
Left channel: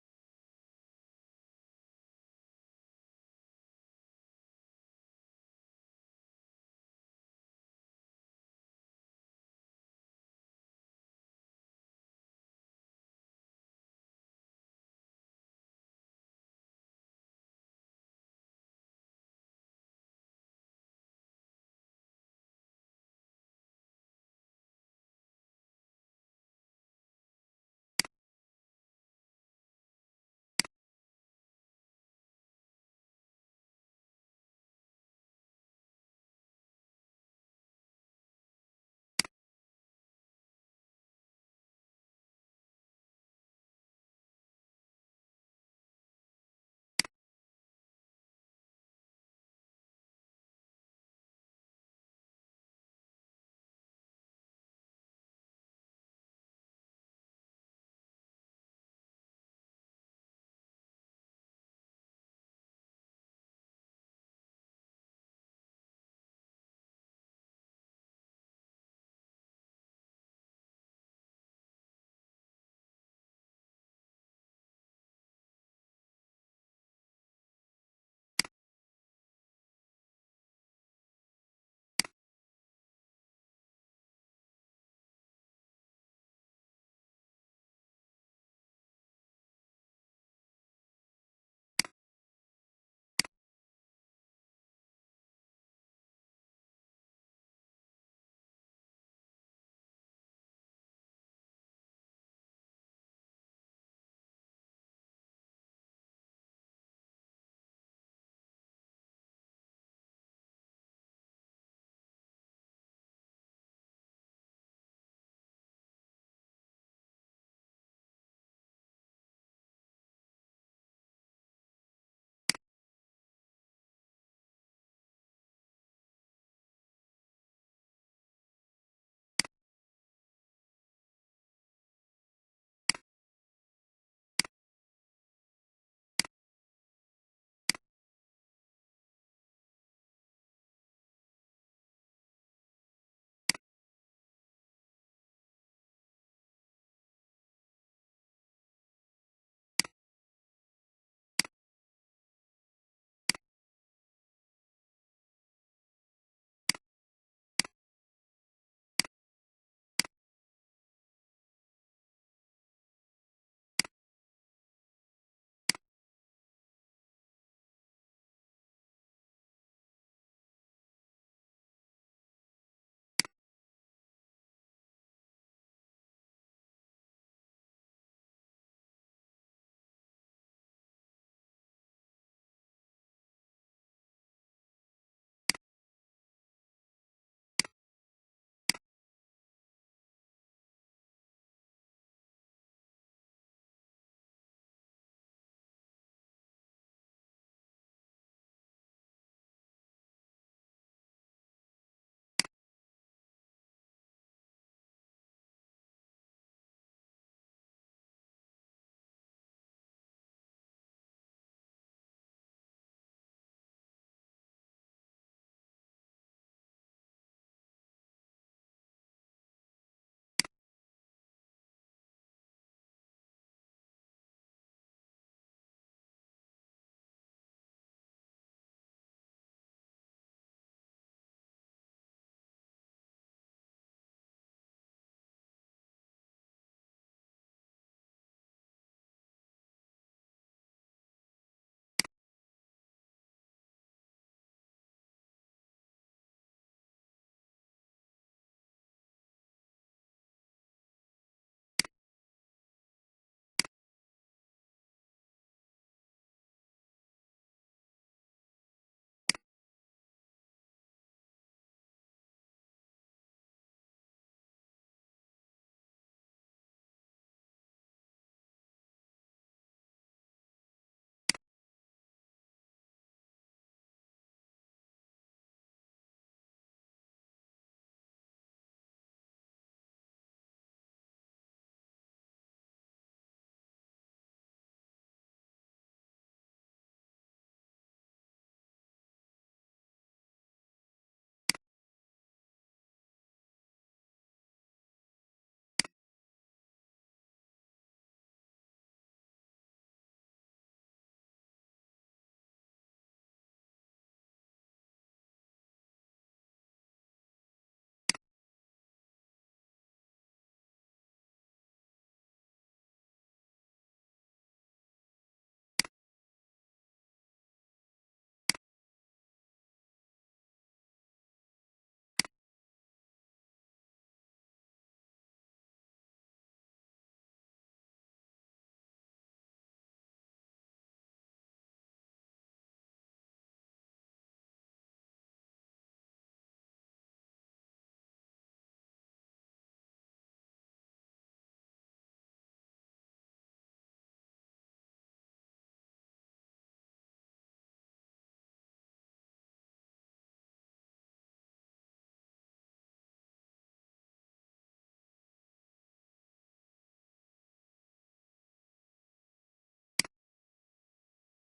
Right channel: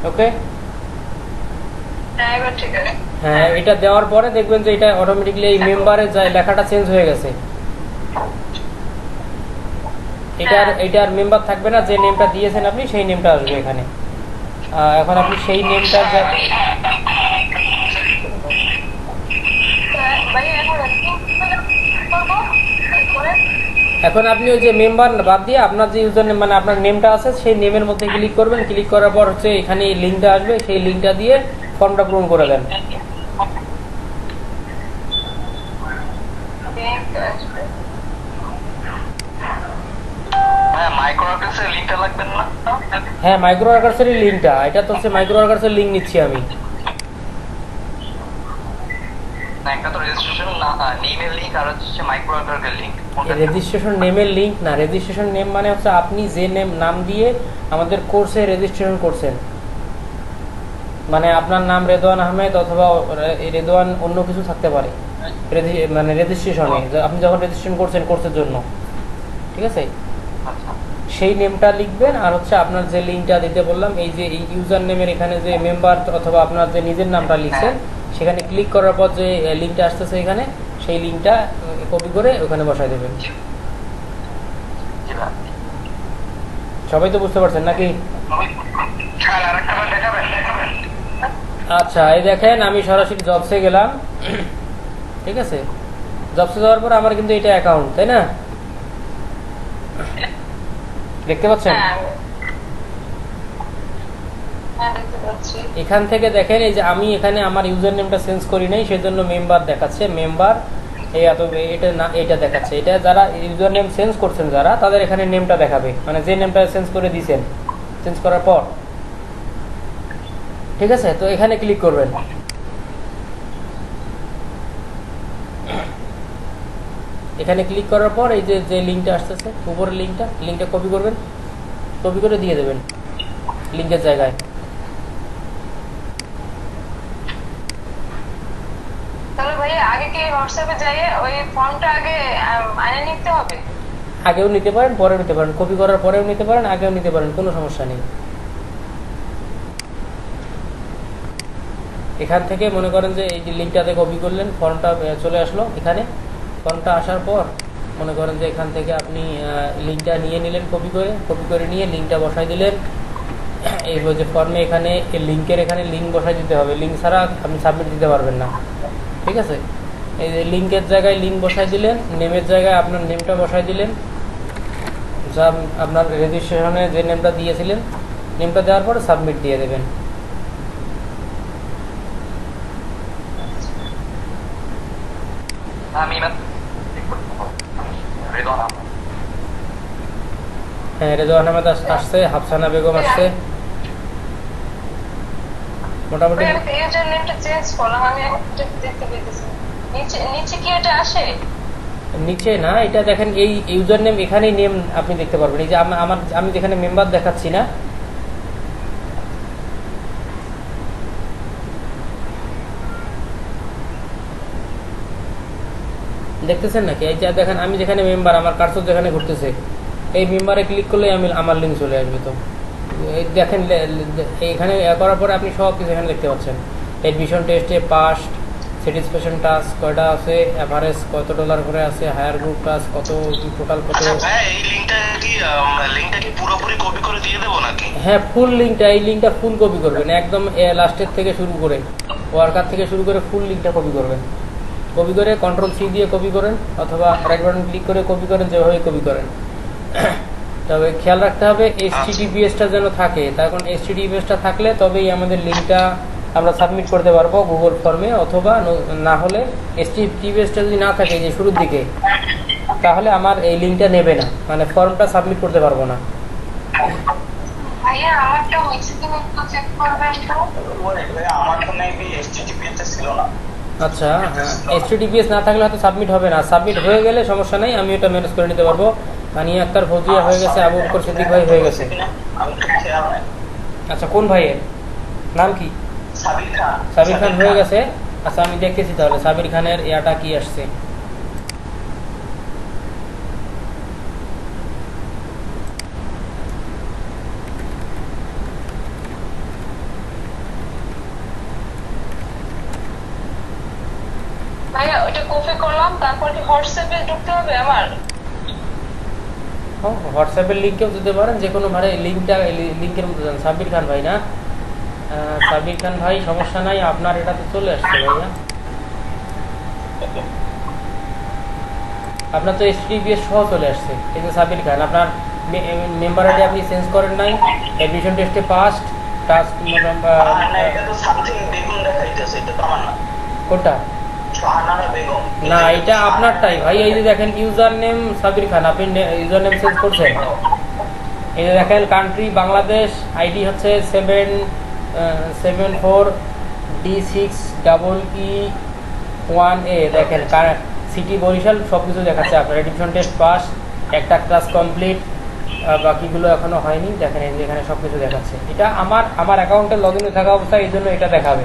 ওকে হ্যাঁ, এটা দেওয়ার পরে দেখবেন যে এটা অটোমেটিক্যালি এই মেম্বারে যায় লেখাটা চেঞ্জ হয়ে গেছে। এটার মেম্বার থাকবে না, যে নেমটা দিয়েছেন আপনি সেই নেমটা আসবে এখানে। এখন আপনি সেই নেমটা এখন আপনি ওই যে মেম্বার বাদ দিয়ে আপনার যে ইউজার নেম মানে আপনার নেমটা আছে সেই নেমের মধ্যে ক্লিক করবেন। ক্লিক করার পর হচ্ছে এখানে এই লিঙ্কটা আসবে, সেই লিঙ্কটা দিয়ে ফর্মটা পূরণ করে দেন। মাইক্রো অফিসের লিংকটা লাগবে না? হ্যাঁ মাইক্রো ওয়ার্কার্সের লিঙ্কটা, এটা তো হচ্ছে মাইক্রো ওয়ার্কার্সের লিঙ্ক নিচ্ছি আমি। না একটা তো রেজিস্ট্রেশন নেমের লিংক আর হচ্ছে মাইক্রো ওয়ার্কারের লিংক। রেজিস্ট্রেশন নেমের লিঙ্ক না, রেজিস্ট্রেশন নেম মানে হচ্ছে আপনি যে নাম দিয়ে আমাদের কোর্সে রেজিস্ট্রেশন করছেন, মানে আপনার নাম রেদওয়ান আহমেদ অথবা রেদওয়ান অন্য কিছু থাকতে পারে মানে রেজিস্ট্রেশনে আপনি যখন রেজিস্ট্রেশন করছেন কোর্সের জন্য, ঠিক আছে? আচ্ছা সেই নেমটা লিখবেন আর হচ্ছে আপনার যে লিঙ্কটা দিতে বললাম, এই যে ইউজার নেমের এখানে যে মেম্বার অথবা আপনার যে নিজের নামটা লিখছেন সেখানে ক্লিক করার পর যে লিঙ্কটা আসতেছে এখানে, সেই লিঙ্কটা কপি করে ওখানে বসায় দেবেন। জি ভাই। সবাই তো বুঝতে পারছেন নাকি? আচ্ছা এই দেখেন আমি সরাসরি জবসে গেলাম, ঠিক আছে? জবসে যাওয়ার পর আমার কিন্তু এটা অ্যাকাউন্ট, তাই না? দেখতে পাচ্ছেন? দেখতে পাচ্ছি। এখান থেকে দেখেন এই যে আমি এখানে আমার ইউজার নেমটা চেঞ্জ করি নাই, সেজন্য মেম্বার দেখাচ্ছে, মেম্বার এই এত এটা না এটা দেখাচ্ছে। এটা যারা ইউজার নেম চেঞ্জ করছেন যারা, তাদের এখানে নেমটা দেখাবে, মানে যে নেমটা চেঞ্জ করে দিয়েছেন, চেঞ্জ করার পর, ঠিক আছে? তো এখানে ক্লিক করবেন। এখানে ক্লিক করার পর এই যে যে লিঙ্কটা আসতেছে উপরের লিঙ্কটা কপি করবেন, কপি করে দিয়ে দেবেন লিঙ্কের জায়গায়। তাহলে ভাই আগে কি হোয়াটসঅ্যাপে যাই ওই ফর্মটা আগে আইনে নিতে হবে? আগেও নিতে পারেন পরেও নিতে পারেন, কপি করার পরেও নিতে পারেন আগেও নিতে পারেন, কোনো সমস্যা নেই। এখান থেকে মনে করেন যে এই যে লিঙ্কটাতে কপি করলেন, ফর্মটা চলে আসলো এখানে। ফর্মটা আসার পর মনে করেন যে এখান থেকে আপনি লিঙ্কটা নিয়ে নিলেন, কপি করে নিয়ে লিঙ্কটা বসাই দিলেন। এই যে ফর্মে এখানে লিঙ্কের এখানে লিঙ্ক বসাই দিতে হবে, লিঙ্ক ছাড়া আপনি সাবমিট দিতে পারবেন না, ঠিক আছে? এই যে লিঙ্কের জায়গায় লিঙ্ক বসাই দিলেন, নেমের জায়গায় আপনার নেমটা বসাই দিলেন, যা আপনার রেজিস্ট্রেশনে যে নেমটা দিয়েছিলেন, নেমটা দেওয়ার পরে সাবমিট দিয়ে দেবেন। আমি রেদওয়ান আহমেদ। হ্যাঁ রেদওয়ান আহমেদ আসছে, হাফসানা বেগম আসছে, মোটামুটি। আমি ইউজার নেমটা চেঞ্জ করলাম, আমি দেখতে পেতেছি নিচে কি এটা আসে? নিচে না, এটা দেখেন এই ইউজার নেম, এখানেই নেম আপনি দেখতে পারবেন। এই যে আমি যেখানে মেম্বার দেখাচ্ছি না, দেখতেছেন নাকি? এই যে দেখেন আমি যেখানে মেম্বার, আমার কার্সর যেখানে ঘুরতেছে, এই মেম্বারে ক্লিক করলে আমার লিঙ্ক চলে আসবে। তো এই দেখেন এখানে করার পরে আপনি সব কিছু এখানে দেখতে পাচ্ছেন। এডমিশন টেস্টে পাস, স্যাটিসফ্যাকশন টাস্ক কয়টা আছে, এভারেজ কত ডলার করে আছে, হায়ার গ্রুপ টাস্ক কত, টোটাল কত। এই লিংকটা কি পুরোপুরি কপি করে দিয়ে দেবো নাকি? হ্যাঁ ফুল লিঙ্কটা, এই লিঙ্কটা ফুল কপি করবেন একদম, লাস্টের থেকে শুরু করে ওয়ার্কার থেকে শুরু করে ফুল লিঙ্কটা কপি করবেন। কপি করে Ctrl+C দিয়ে কপি করেন অথবা রাইট বাটন ক্লিক করে কপি করেন, যেভাবে কপি করেন। তবে খেয়াল রাখতে হবে HTTPS-টা যেন থাকে, তখন HTTPS-টা থাকলে তবেই আমাদের লিঙ্কটা আমরা সাবমিট করতে পারবো গুগল ফর্মে, অথবা না হলে HTTPS-টা যদি না থাকে যে শুরুর দিকে, তাহলে আমার এই লিঙ্কটা নেবে না, মানে ফর্মটা সাবমিট করতে পারবো না। ভাইয়া আমারটা হয়েছে কিনা একটু চেক করবেন তো। আমার তো মেবি HTTPS ছিল না। আচ্ছা হ্যাঁ, HTTPS না থাকলে হয়তো সাবমিট হবে না। সাবমিট হয়ে গেলে সমস্যা নেই, আমি এটা ম্যানেজ করে নিতে পারবো। মানিয়া আক্তার ফৌজিয়া হয়ে গেছে, আবু বকর সিদ্দিক ভাই হয়ে গেছে। আমি তো খেয়াল নাই। আচ্ছা কোন ভাইয়ের নাম কি? সাবির খান হয়ে গেছে। আচ্ছা আমি দেখতেছি তাহলে সাবির খানের ইয়াটা কি আসছে। ভাইয়া ওটা কপি করলাম, তারপর কি হোয়াটসঅ্যাপে ঢুকতে হবে আমার? হোয়াটসঅ্যাপের লিঙ্কেও দিতে পারেন, যে কোনো ভাবে লিঙ্কটা লিঙ্কের মধ্যে দেন। সাবির খান ভাই না, সাবির খান ভাই সমস্যা নাই, আপনার এটাতে চলে আসছে ভাইয়া। আপনার তো HTTPS সহ চলে আসছে। এই যে সাবির খান, আপনার মেম্বার আইডি আপনি চেঞ্জ করেন নাই, এডমিশন টেস্টে পাস্ট, টাস্ক এটা তো সামথিং বেগুন দেখাইতেছে, এটা তো আমার না। কোনটা? শাহানারা বেগম। না এটা আপনারটাই ভাই। এই যে দেখেন ইউজার নেম সাবির খান, আপনি ইউজার নেম চেঞ্জ করছেন, এই যে দেখেন কান্ট্রি বাংলাদেশ, আইডি হচ্ছে 774D6EE1A। দেখেন সিটি বরিশাল সব কিছু দেখাচ্ছে আপনার। এডিশন টেস্ট পাস, একটা ক্লাস কমপ্লিট, বাকিগুলো এখনো হয়নি। দেখেন এই যে এখানে সব কিছু দেখাচ্ছে। এটা আমার অ্যাকাউন্টে লগ ইনে থাকা অবস্থায় এই জন্য এটা দেখাবে,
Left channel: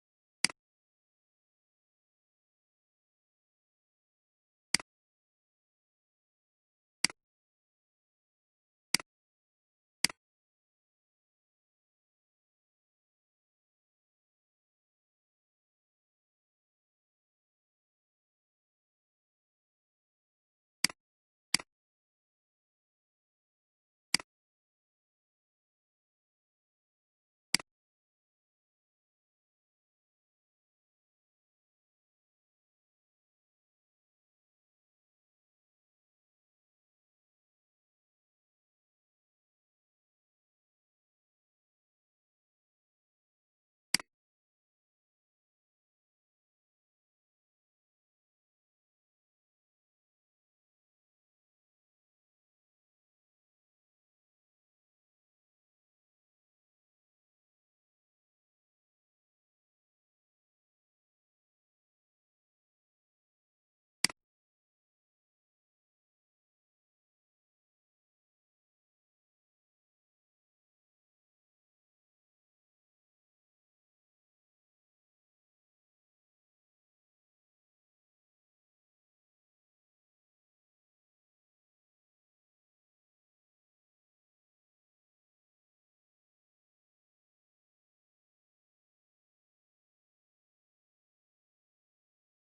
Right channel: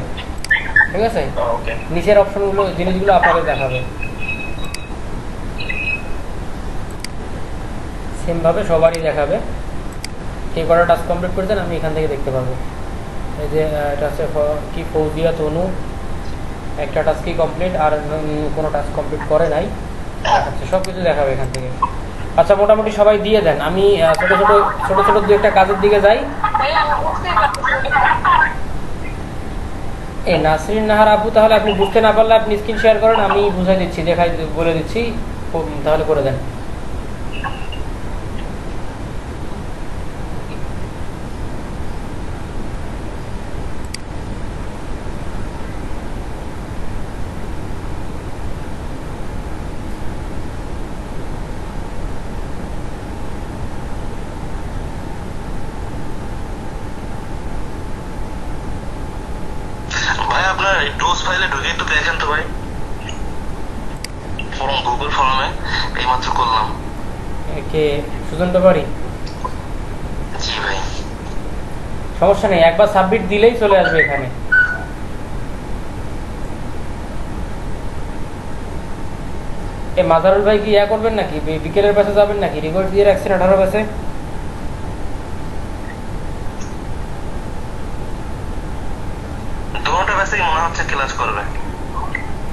ঠিক আছে। ওকে নিচের অপশনগুলো জিনিসগুলো আপনাদের দেখাবে সেমভাবে, সবারই দেখাবে। কে কটা টাস্ক কমপ্লিট করেছেন আমি এখান থেকে দেখতে পারবো। এই যে এটা হচ্ছে কি ফৌজিয়া তনু, একটা টাস্কই কমপ্লিট, আর কোনো টাস্ক কমপ্লিট করে নাই দেখাচ্ছে, সব কিছু দেখাবে এখান থেকে। আচ্ছা মোটামুটি সবাই দিয়ে দেন, আমি ছোট ছোট ছোট ছোট দু একটা কাজের দিকে যাই। ভাইয়া আমি বুঝতেই পারতেছি না। এই নাসরিন নাহার আপু, তাহলে আপনি বুঝতে না পারলে আপনি স্ক্রিন শেয়ার করেন, আমি বুঝাই দিচ্ছি, দেখাই বলে দিচ্ছি, তাহলে করে দেন। ভাই আপনার ডোজ ফাইলে ঢুকে একটু দেখেন তো ভাই, ফর্ম গুগল ফর্মে এইমাত্র করলাম। কে সুজন ব্যাপারী? জি ভাই। সমস্যা নেই, একবার সাবমিট দিলেই চলে আসবে এখানে। এ মাজারুল ভাই কি ইয়া করবেন নাকি, বিকেলের পাশে যাবেন নাকি? রিকোয়েস্ট দিয়ে রাখছেন 18 পাশে। দুটো ব্যাচেই মনে হচ্ছে ক্লাস করবে।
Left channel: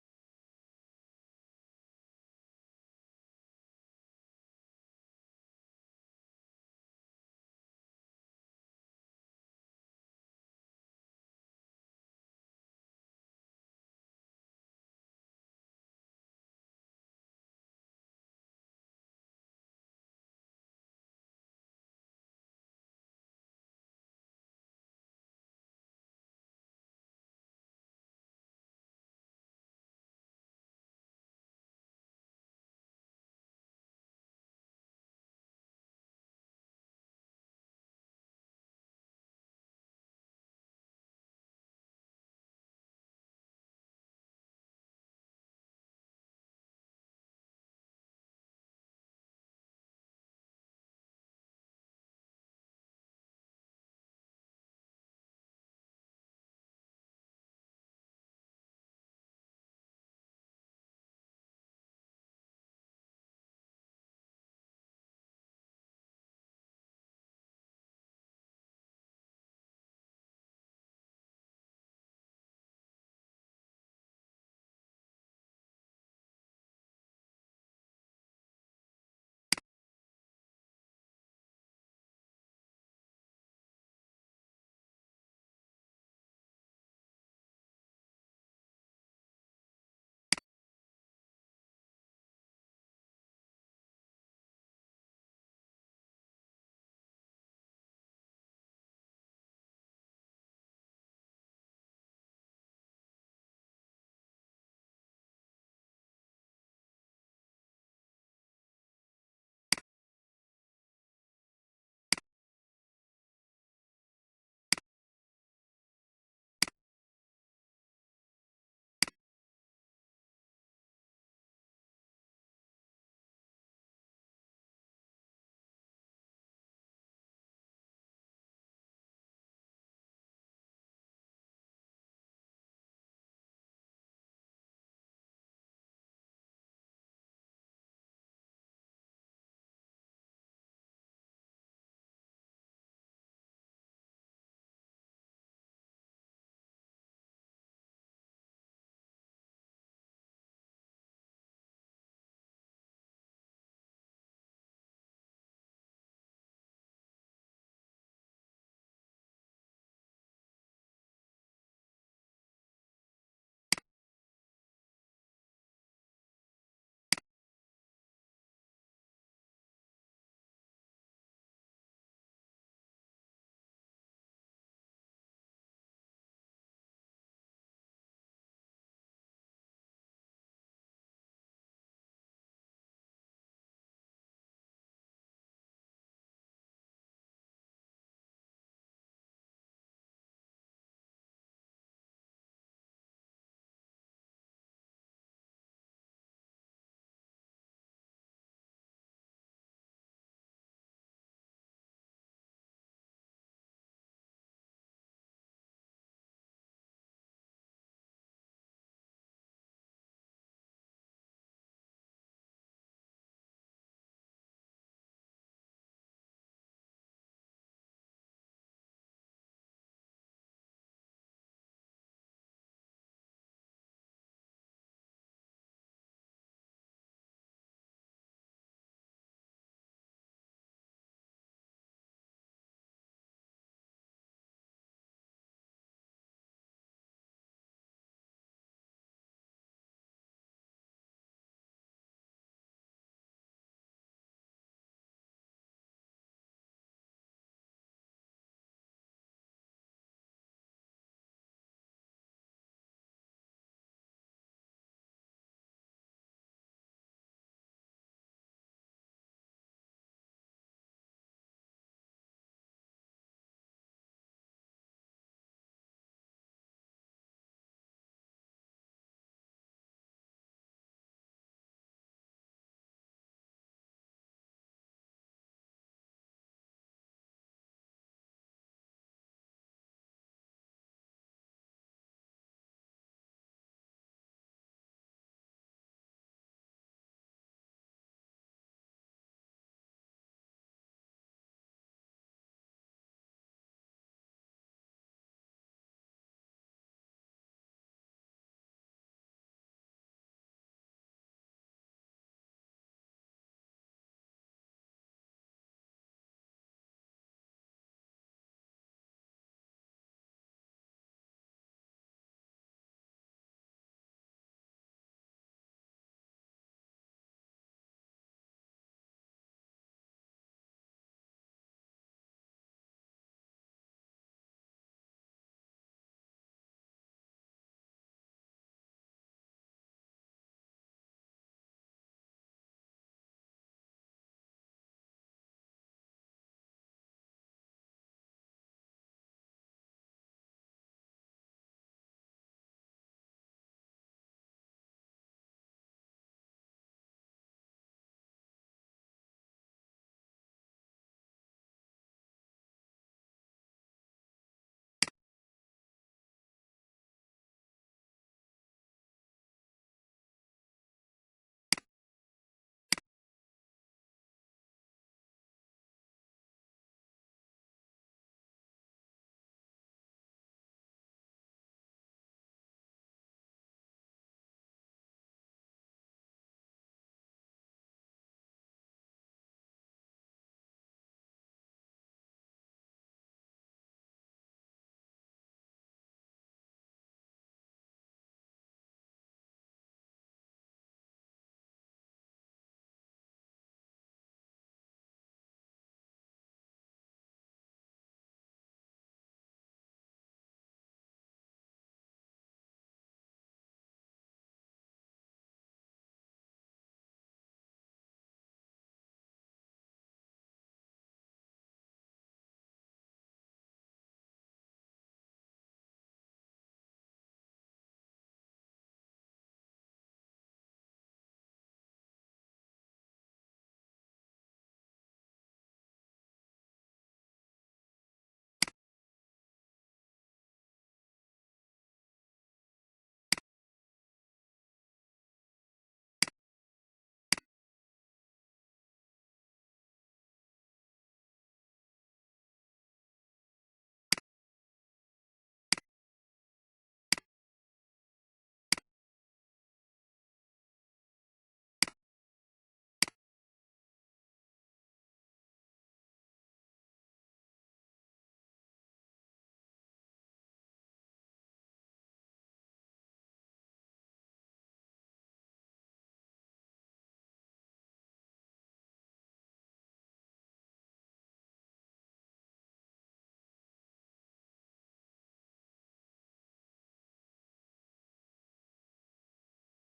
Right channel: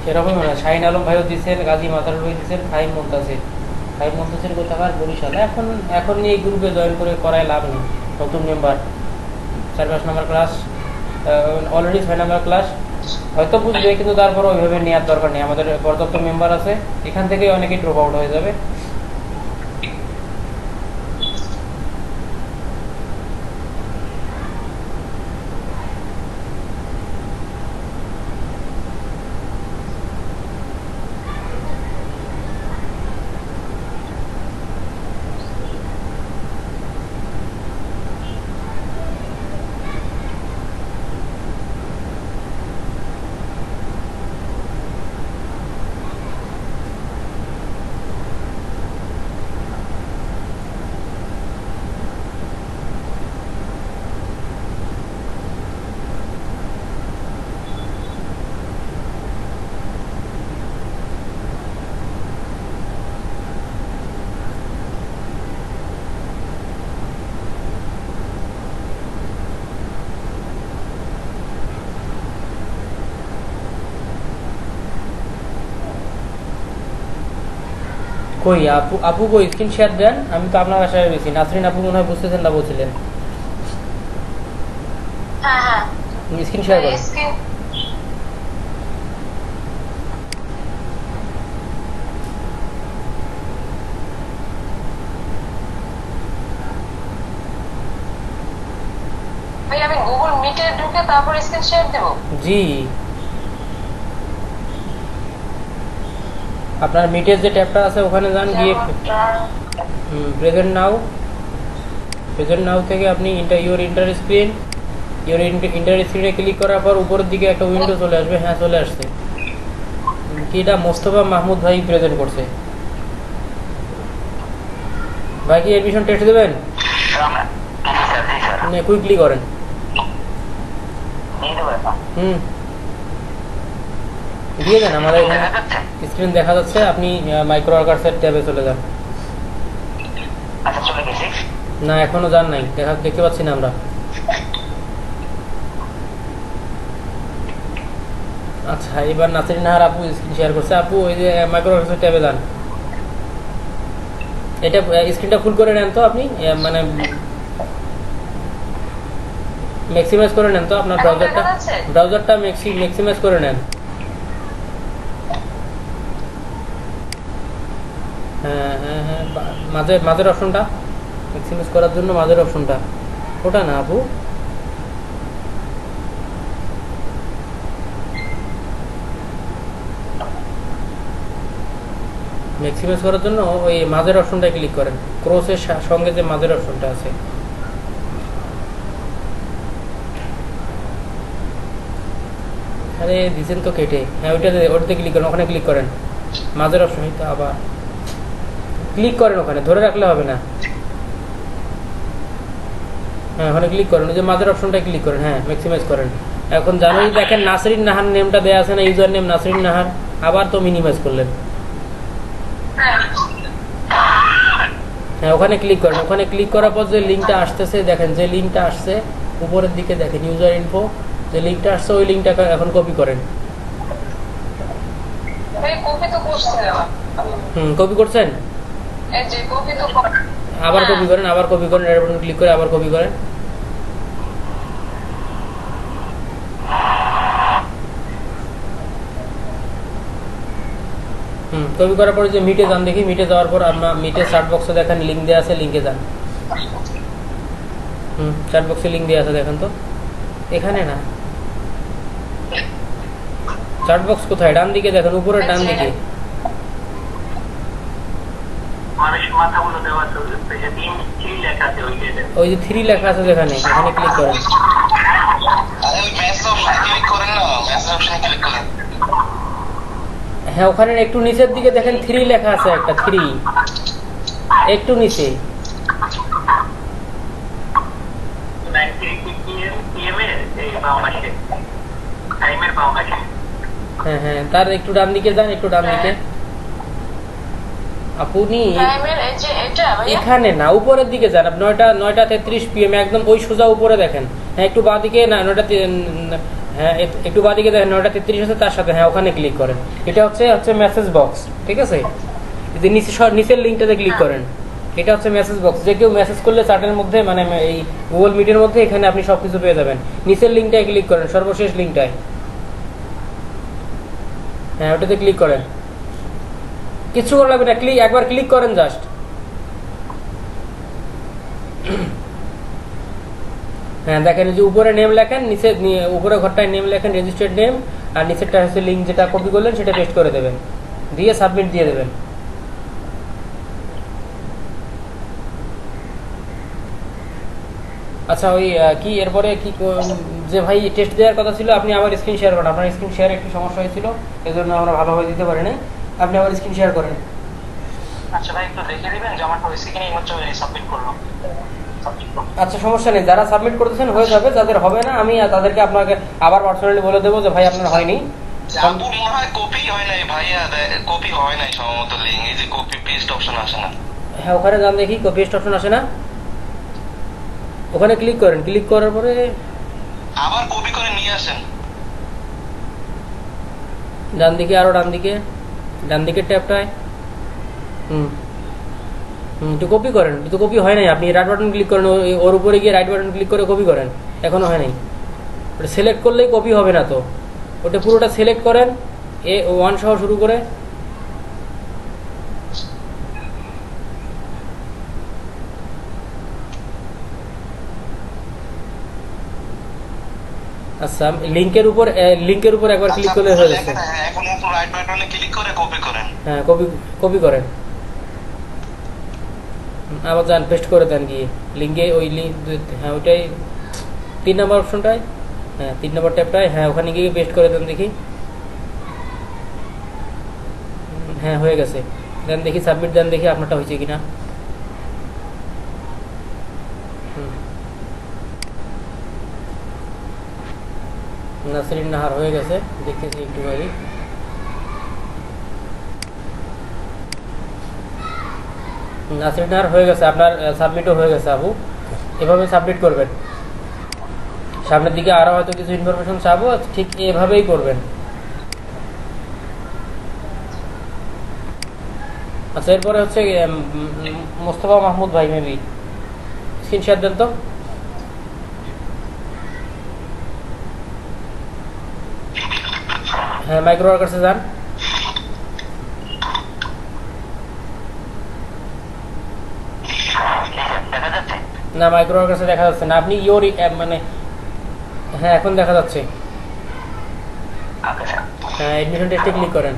সেরকমই মনে হয়। শাহিন আলম ভাইও দিচ্ছেন, গাজী মাজারুল ভাই দিচ্ছেন, ফাহিম মুনতাসির কোথাকার বরিশাল। এখন নিয়ে এই গ্রুপে জয়েন করে করায় লাভ নেই। নতুন মেম্বার, 4-5 নম্বর ক্লাস, অলরেডি 6 নম্বর ক্লাস, হয়তো বুঝবে, কিন্তু তারপরে ওইভাবে নেওয়ার দরকার নেই। আমাদের পর্যাপ্ত মেম্বার আছে, এখান থেকে অনেকেই ড্রপ আউট হয়ে যাবে। কই আপু কই স্ক্রিন শেয়ার দেন, আমি তো আপনার বাসায় রয়েছি। নাসরিন আপু মনে হয় বুঝতেছেন না, বলছিলেন হ্যাঁ হ্যাঁ স্ক্রিন শেয়ার করেন। স্ক্রিন ভাই আমি গুগল মিটে ঢুকে তারপর স্ক্রিন শেয়ার দেবো? জি, আপনার মিটের যে ট্যাবটা আছে ওখানে যান, গিয়ে প্রেজেন্ট নাও থেকে আপনি ইন্টার স্ক্রিনে ক্লিক করার পর উপরের দিকে একটা উইন্ডো চলে আসবে। হ্যাঁ চলে আসছে। কি এটা মোস্তফা মাহমুদ ভাই প্রেজেন্ট করছে। ভাই কি এডমিশন টেস্ট দেবেন? কুইকলি করেন। দিয়ে দেন, আমাদের এখানে স্ক্রিন দেখা যাচ্ছে। আপনি মাইক্রো ওয়ার্কার্সের ট্যাবে চলে যান। না এখনো যান নাই, দেখতে পাচ্ছি না আমরা। আচ্ছা এবার নাসরিন নাহার আপু স্ক্রিন শেয়ার করছে। আপু ওই যে মাইক্রো ওয়ার্কার্সের ট্যাবে যান। এটা স্ক্রিনটা ফুল করে নেন তো আপনি, মানে ম্যাক্সিমাইজ করে নেন তো আপনার ব্রাউজারটা ম্যাক্সিমাইজ করে নেন। হ্যাঁ হ্যাঁ হ্যাঁ, মাঝের অপশনটা ম্যাক্সিমাইজ করার জন্য মাঝের অপশনটা, ওটা না আপু। ম্যাক্সিমাইজ করার জন্য ওই মাঝের অপশনটা ক্লিক করেন, ক্রসের সঙ্গে যে মাঝের অপশনটা আছে। আরে দিচ্ছেন তো কেটে, হ্যাঁ ওটাতে ক্লিক করেন, ওখানে ক্লিক করেন মাঝের অপশন। তো আবার ক্লিক করেন, ওখানে ধরে রাখলে হবে না। হ্যাঁ ওখানে ক্লিক করেন, ওই যে মাঝের অপশনটা ক্লিক করেন, হ্যাঁ ম্যাক্সিমাইজ করেন। এখন জানুয়ারি দেখেন নাসরিন নাহার নেমটা দেওয়া আছে না, ইউজার নেম নাসরিন নাহার, আবার তো মিনিমাইজ করলেন। হ্যাঁ ওখানে ক্লিক করেন, ওখানে ক্লিক করার পর যে লিঙ্কটা আসতেছে দেখেন, যে লিঙ্কটা আসছে উপরের দিকে দেখেন ইউজার ইনফো, যে লিঙ্কটা আসছে ওই লিঙ্কটা এখন কপি করেন। কপি করছেন, আবার কপি করেন, আবার কপি করেন, এর উপর ক্লিক করে আবার কপি করেন। কপি করার পরে যে মিটে যান দেখি, মিটে যাওয়ার পর আপনার মিটে সার্চ বক্সে দেখেন লিঙ্ক দেওয়া আছে, লিঙ্কে যান। সার্চ বক্সে লিঙ্ক দেওয়া আছে দেখেন তো, এখানে না, সার্চ বক্স কোথায়? ডান দিকে দেখেন, উপরে ডান দিকে। ওই যে 3 লেখা আছে যেখানে, এখানে ক্লিক করেন। হ্যাঁ ওখানে একটু নিচের দিকে দেখেন 3 লেখা আছে, একটা 3 একটু নিচে। হ্যাঁ হ্যাঁ তার একটু ডান দিকে যান, একটু ডান দিকে। আপনি এখানে না, উপরের দিকে যান, 9:33 PM একদম ওই সোজা উপরে দেখেন। হ্যাঁ একটু বাঁ দিকে না, 9টা, হ্যাঁ একটু বাঁ দিকে দেখেন 9:33 আছে তার সাথে, হ্যাঁ ওখানে ক্লিক করেন। এটা হচ্ছে মেসেজ বক্স, ঠিক আছে? যদি নিচের লিঙ্কটাতে ক্লিক করেন, এটা হচ্ছে মেসেজ বক্স। যে কেউ মেসেজ করলে চ্যাটের মধ্যে, মানে এই গুগল মিটের মধ্যে, এখানে আপনি সবকিছু পেয়ে যাবেন। নিচের লিঙ্কটায় ক্লিক করেন, সর্বশেষ লিঙ্কটায়, হ্যাঁ ওটাতে ক্লিক করেন। কিছু করা লাগবে না, একবার ক্লিক করেন জাস্ট। হ্যাঁ দেখেন যে উপরে নেম লেখেন, নিচে উপরে ঘরটায় নেম লেখেন, রেজিস্টার্ড নেম, আর নিচেরটা হচ্ছে লিঙ্ক যেটা কপি করলেন সেটা পেস্ট করে দেবেন, দিয়ে সাবমিট দিয়ে দেবেন। আচ্ছা ওই কি এরপরে কি যে ভাই টেস্ট দেওয়ার কথা ছিল, আপনি আবার স্ক্রিন শেয়ার করেন। আপনার স্ক্রিন শেয়ার একটু সমস্যা হয়েছিল, এই জন্য আমরা ভালোভাবে দিতে পারি না। আপনি আবার স্ক্রিন শেয়ার করেন। আচ্ছা ভাই একটু দেখে দিবেন যে আমার হয়েছে কিনা, এইমাত্র সাবমিট করলাম। আচ্ছা সমস্যা নেই, যারা সাবমিট করতেছেন হয়ে যাবে, যাদের হবে না আমি তাদেরকে আপনাকে আবার পার্সোনালি বলে দেবো যে ভাই আপনার হয়নি। কপি হয় নাই ভাইয়া, কপি হয় নাই সম্ভবত লিঙ্ক, এই যে কপি পেস্ট অপশন আসে না। হ্যাঁ ওখানে যান দেখি, কপি পেস্ট অপশন আসে না, ওখানে ক্লিক করেন। ক্লিক করার পরে আবার কপি করে নিয়ে আসেন ডান দিকে, আরো ডান দিকে ট্যাবটায় একটু কপি করেন। তো কপি হয় নাই, আপনি রাইট বাটন ক্লিক করেন, ওর উপরে গিয়ে রাইট বাটন ক্লিক করে কপি করেন। এখনো হয় নাই, ওটা সিলেক্ট করলেই কপি হবে না, তো ওটা পুরোটা সিলেক্ট করেন, A1 সহ শুরু করে। আচ্ছা লিংকের উপর একবার ক্লিক করলে হয়ে যাচ্ছে। এখন উপর রাইট বাটনে ক্লিক করে কপি করেন। হ্যাঁ কপি করেন, আবার যান পেস্ট করে দেন গিয়ে লিঙ্কে, ওই লিঙ্ক, হ্যাঁ ওইটাই 3 নম্বর অপশনটায়, হ্যাঁ 3 নম্বর ট্যাবটায়, হ্যাঁ ওখানে গিয়ে পেস্ট করে দেন দেখি। হ্যাঁ হয়ে গেছে, দেন দেখি সাবমিট দেন দেখি আপনারটা হয়েছে কিনা। নাসরিন নাহার হয়ে গেছে, দেখতেছি একটু আগে। নাসরিন নাহার হয়ে গেছে, আপনার সাবমিটও হয়ে গেছে আপু। এভাবে সাবমিট করবেন। সামনের দিকে আরো হয়তো কিছু ইনফরমেশন চাবো, ঠিক এভাবেই করবেন। আচ্ছা এরপরে হচ্ছে মোস্তফা মাহমুদ ভাই, মেবি স্ক্রিনশট দেন তো। হ্যাঁ মাইক্রো ওয়ার্কার্সে যান। না মাইক্রো ওয়ার্কার্সে দেখা যাচ্ছে না, আপনি ইওর মানে, হ্যাঁ এখন দেখা যাচ্ছে। হ্যাঁ এডমিশন টেস্টে ক্লিক করেন।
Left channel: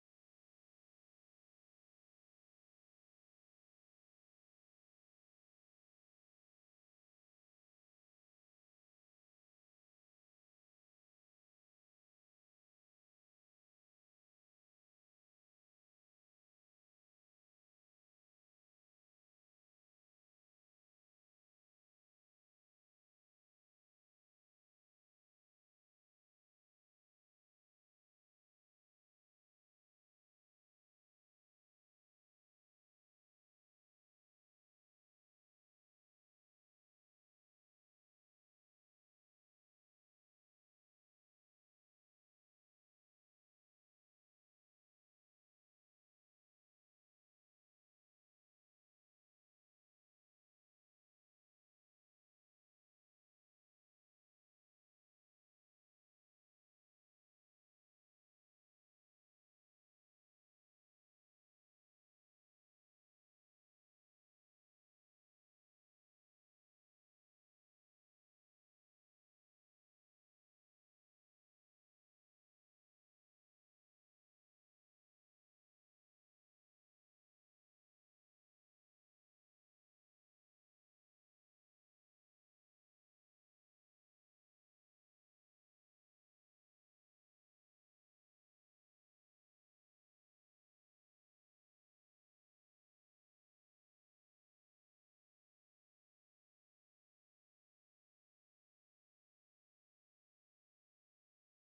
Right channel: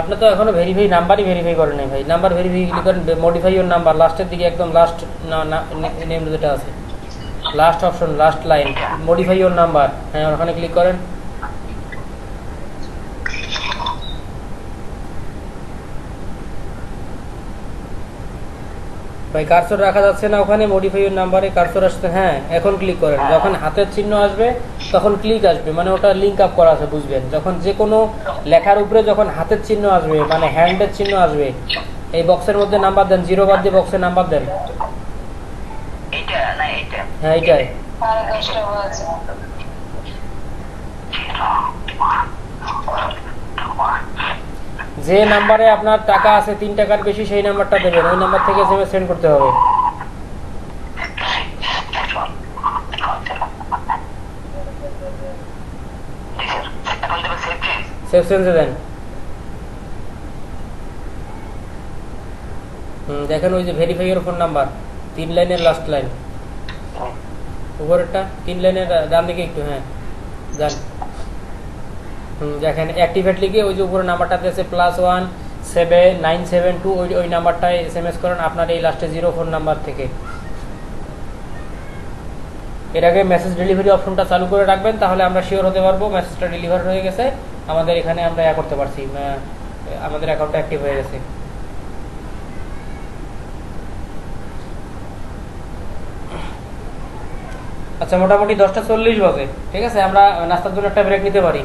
আপনি তো এখনো ভেরিফাই নাম্বারই ভেরিফাই করেন নাই ভাই। নাম্বার ভেরিফাই ক্লিক করেন, মডিফাই ইওর নাম্বার, লাস্টের দিকে একদম লাস্ট নেম যেটা আছে, last option, last line, modify your number, হ্যাঁ ওখানে ক্লিক করেন। ভাই কার্সর রাখা যাচ্ছে না ওখানে, মডিফাই ইওর নাম্বারে কার্সর আসছে, হ্যাঁ এখন ক্লিক করেন। যখন হাতের চিহ্ন আসবে তখন ক্লিক আসবে, মানে ওটা লিঙ্ক আপ করা আছে, বুঝবেন? যখন যে কোনো লেখার উপরে যখন হাতের চিহ্ন আসবে, মানে হ্যান্ডের চিহ্ন আসবে, এই বক্সের মধ্যে নাম্বার দেন, 0 বাদ দিয়ে বক্সে নাম্বার দেন। এইটা না এইটা? হ্যাঁ এইটাই। আর 10টা হয়েছে। যে নাম্বারে আপনার টাকা আছে 3 টাকার বেশি, সেই নাম্বারটা দেবেন, ওই নাম্বার থেকে এসএমএস সেন্ড করতে হবে। এখন দেবে সেভ চেঞ্জ। সেভ সেন্সে দেন। দেখেন ওই যে ভেরিফাই ইওর ফোন নাম্বার, 3 লাইনের লাস্ট লাইন, উপরেরটা 3 লাইনের ডান দিকে একটু, হ্যাঁ যান। দেখেন অ্যাক্টিভেট লিখে ওই যে উপরে নাম্বারটাতে আছে +1 7972, ওই নাম্বারটায় এসএমএস করেন আপনার এই লাস্টে 0 ফোন নাম্বার থেকে। এর আগে মেসেজ ডেলিভারি অপশনটা চালু করে রাখবেন, তাহলে আমরা শিওর হতে পারবো মেসেজটা ডেলিভার হয়ে গেছে, আমাদের এখানে আমরা করতে পারছি, আমাদের অ্যাকাউন্টটা অ্যাক্টিভ হয়ে গেছে। আচ্ছা মোটামুটি 10:40 বাজে, ঠিক আছে? আমরা নাস্তার জন্য একটা ব্রেক নিতে পারি।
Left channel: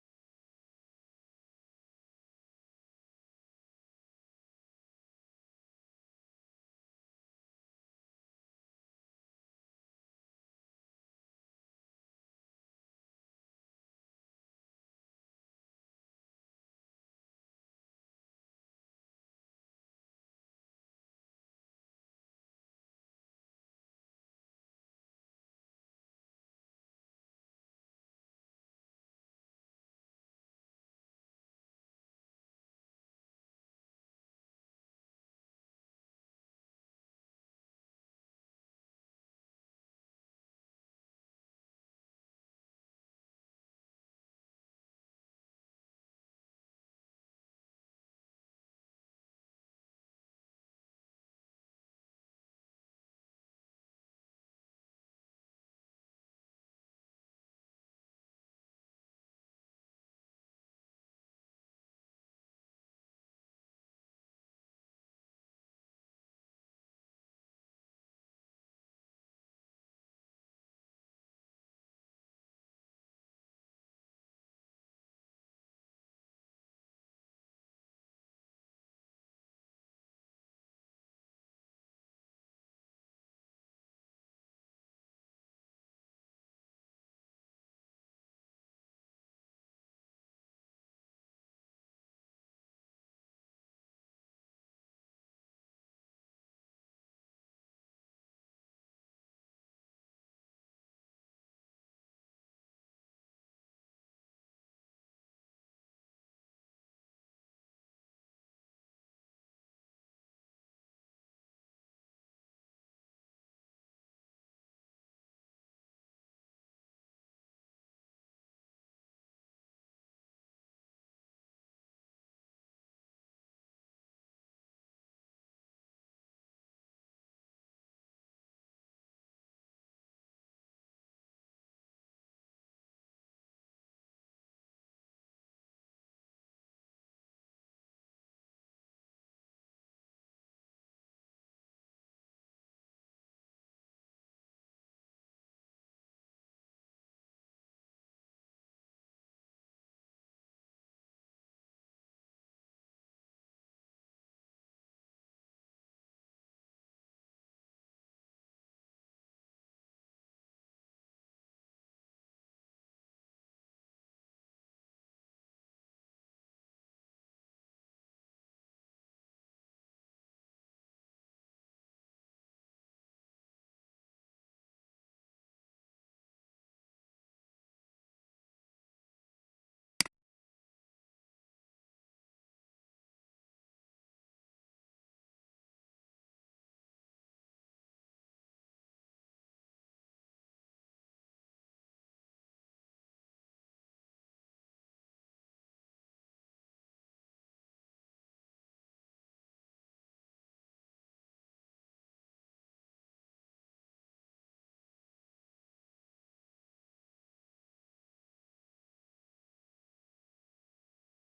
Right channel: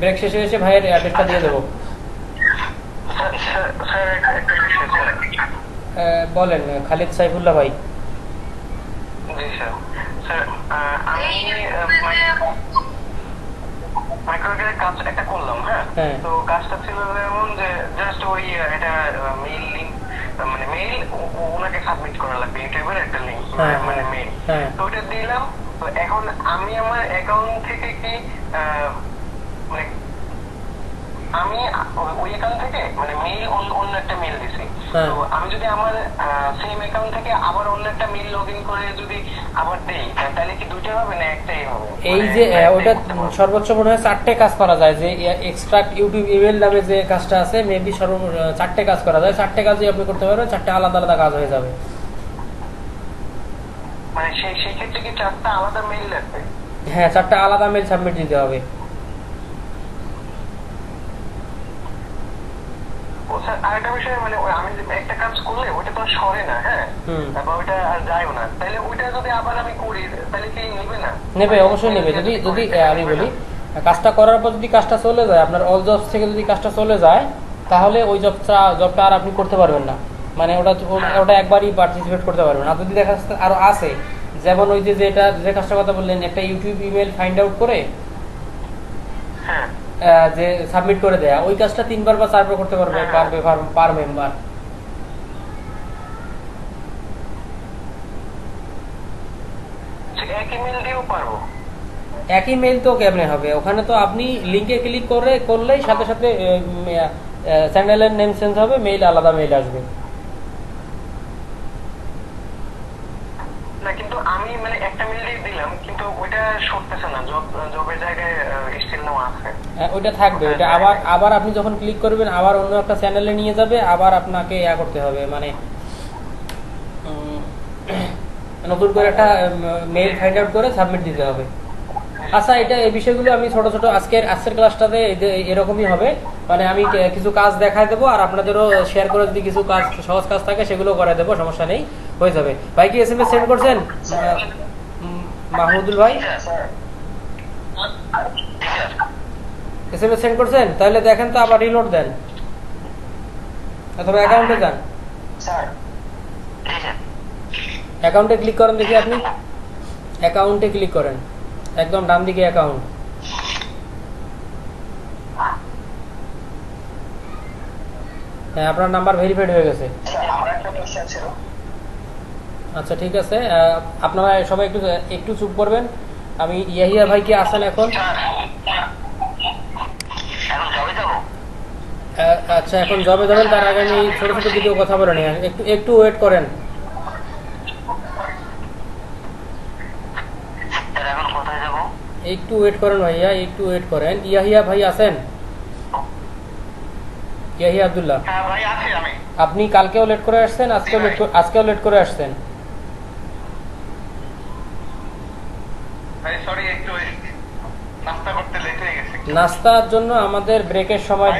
ব্রেক শেষে এসে ভাইয়ের অ্যাড্রেসটা দিয়ে দেবো। স্যার একটা বিষয় স্যার। বলেন খালিদ সাইফুল্লাহ ভাই। জি স্যার। স্যার আমি মাইক্রোওয়েভের কাজ একটা করলাম, হ্যাঁ? হ্যাঁ। তো কাজটা ছিল এমন যে জাস্ট ওই এটা মেইল লিংক, মানে মেইল ওনাকে সাবমিট করা লাগবে, ইউটিউবের একটা লিংক, হ্যাঁ, মানে মেইল। হ্যাঁ। তো ওটা দিলাম। তো এখন আমি আমার অ্যাকাউন্ট থেকে কি মানে আমি ওই অ্যাকাউন্ট থেকে মানে মেইল অন্য একটা মেইল দিছি, হ্যাঁ। তো আমি যদি আমার সেম অ্যাকাউন্ট থেকে আবার অন্য একটা মেইল লগইন করে যদি আবার দেই, তাহলে কি দুইটা হবে না একটাই হবে? এই যে ওটা সর্বোচ্চ মনে হয় 4টে কাজ করা যায়, যে এক্সট্রাক্ট ইউটিউব ইমেল নামে যে কাজটা আছে, মেবি 4টে কাজ করা যায়। 4টে কাজই আপনি করতে পারবেন, 4টে আলাদা আলাদা কাজ হয়ে যাবে। মানে সেই ক্ষেত্রে কি 4টা আলাদা মেইল লাগবে? হ্যাঁ 4টে আলাদা মেইল সাবমিট দিতে হবে। ও স্যার আরেকটা বিষয়, মানে আমি একটা কাজ করলে ওইটা তো সরে না, হ্যাঁ, বা ওইটা আর যায়ও না, তাহলে ওইটা যদি আবার আমি করি তাহলে কি নেবে না? নেবে, অবশ্যই নেবে। যদি যদি আমি বলি কাজটা করার পর যদি কাজটা চলে যায়, আপনার অল জবস থেকে যদি কাজটা চলে যায়, তাহলে ওই জবটা আর আপনি করতে পারবেন না, মানে ওটা একবারই পার্টিসিপেট করতে পারবেন। আর যদি দেখা যাচ্ছে আরো আছে, যেমন ওই যে যে কাজটার কথা বললেন, একটা ইউটিউব ইমেল ফাইন্ড আউট করে হ্যাঁ যে সাবমিট করে দেয়া, ওই কাজটা 3বার বা 4বার করতে পারবে পার মেম্বার। একই মেইল দিয়েও পারবো? একই মেইল তো কেমনে হবে? ওখানে তো আপনি লিংকে ক্লিক করলেই সাথে সাথে চ্যানেলের নেম চেঞ্জ হবে, মেইল আলাদা মেইল আসবে। না কিন্তু আমি মানে একটা মেইল দিয়ে দিলাম, কিন্তু ওইটা সরতেছে না, জবের জায়গায় স্টিল নাও আছে। ওইটা থাকবে, ওইটা আবার আপনি যখন ক্লিক করবেন আবার অন্য একটা চ্যানেলে নিয়ে যাবে, আবার আপনাকে করতে হবে, মানে নতুন করে একটা মেইল ফাইন্ড আউট করে সাবমিট দিতে হবে। আচ্ছা এটা এই বিষয়গুলো আমি ছোট ছোট আজকের ক্লাসটাতে এরকমই হবে, মানে আমি কিছু কাজ দেখাই দেবো, আর আপনাদেরও শেয়ার করে যদি কিছু কাজ সহজ কাজ থাকে সেগুলো করে দেবো, সমস্যা নেই, হয়ে যাবে। ভাই কি এসএমএস সেন্ড করছেন মাহমুদুল ভাই? এসএমএস সেন্ড করছেন? তাহলে দেখেন তো, আবার রিলোড দেন অথবা অ্যাকাউন্টে যান। স্যার অ্যাকাউন্টে ক্লিক করেন, দেখি আপনি অ্যাকাউন্টে ক্লিক করেন, একদম ডান দিকে অ্যাকাউন্ট। হ্যাঁ আপনার নাম্বার ভেরিফাইড হয়ে গেছে। আমার একটা কোশ্চেন ছিল। আচ্ছা ঠিক আছে, আপনারা সবাই একটু চুপ করবেন। আমি ইয়াহিয়া ভাই কি আছেন এখন? আচ্ছা এখন জবে যাবেন, তার আগে আমি ছোট ছোট ভিডিও কথা বলে নিই, একটু ওয়েট করেন। একটু ওয়েট করেন ভাইয়া, একটু ওয়েট করেন। ইয়াহিয়া ভাই আছেন? ইয়াহি আব্দুল্লাহ, হ্যাঁ ভাই আছি আমি। আপনি কালকেও লেট করে আসছেন, আজকেও লেট করে আসছেন। ভাই সরি একটু নাস্তা করতে লেট হয়ে গেছে। নাস্তার জন্য আমাদের ব্রেকের সময়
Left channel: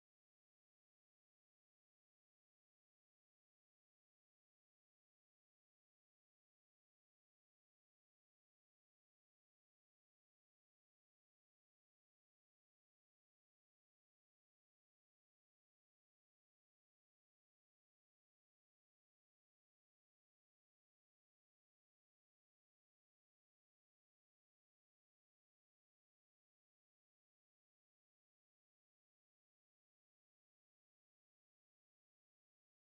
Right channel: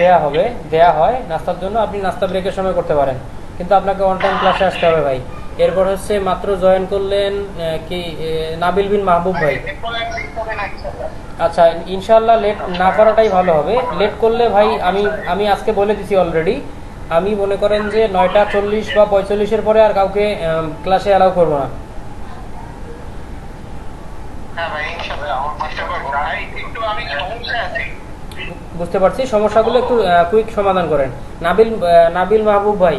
দেয়া হয় নাস্তার জন্য, আপনি নাস্তা ব্রেকের সময় করতে পারেন, কিন্তু আপনাকে অন টাইম ক্লাসে আসতে হবে ভাই। এরপর হচ্ছে মাত্র জয়েন করলেন কি নাবিল বিন মাহবুব ভাই। আচ্ছা ইনশাল্লাহ লেট না করাটাই ভালো হবে। লেট করলে ভাই আমি আজকে বলে দিছি অলরেডি, আমি মনে করেন যে 9:40 বা 45-এর পরে আর কাউকে ক্লাসে অ্যালাউ করবো না। হ্যাঁ ভাই ইনশাআল্লাহ আমার চেষ্টা করব। ভাই একটু আমি সমস্যায় আছি। বুঝতে পারছি, সমস্যাগুলো একটু কুইক সমাধান করেন। নাবিল মাহবুব ভাই,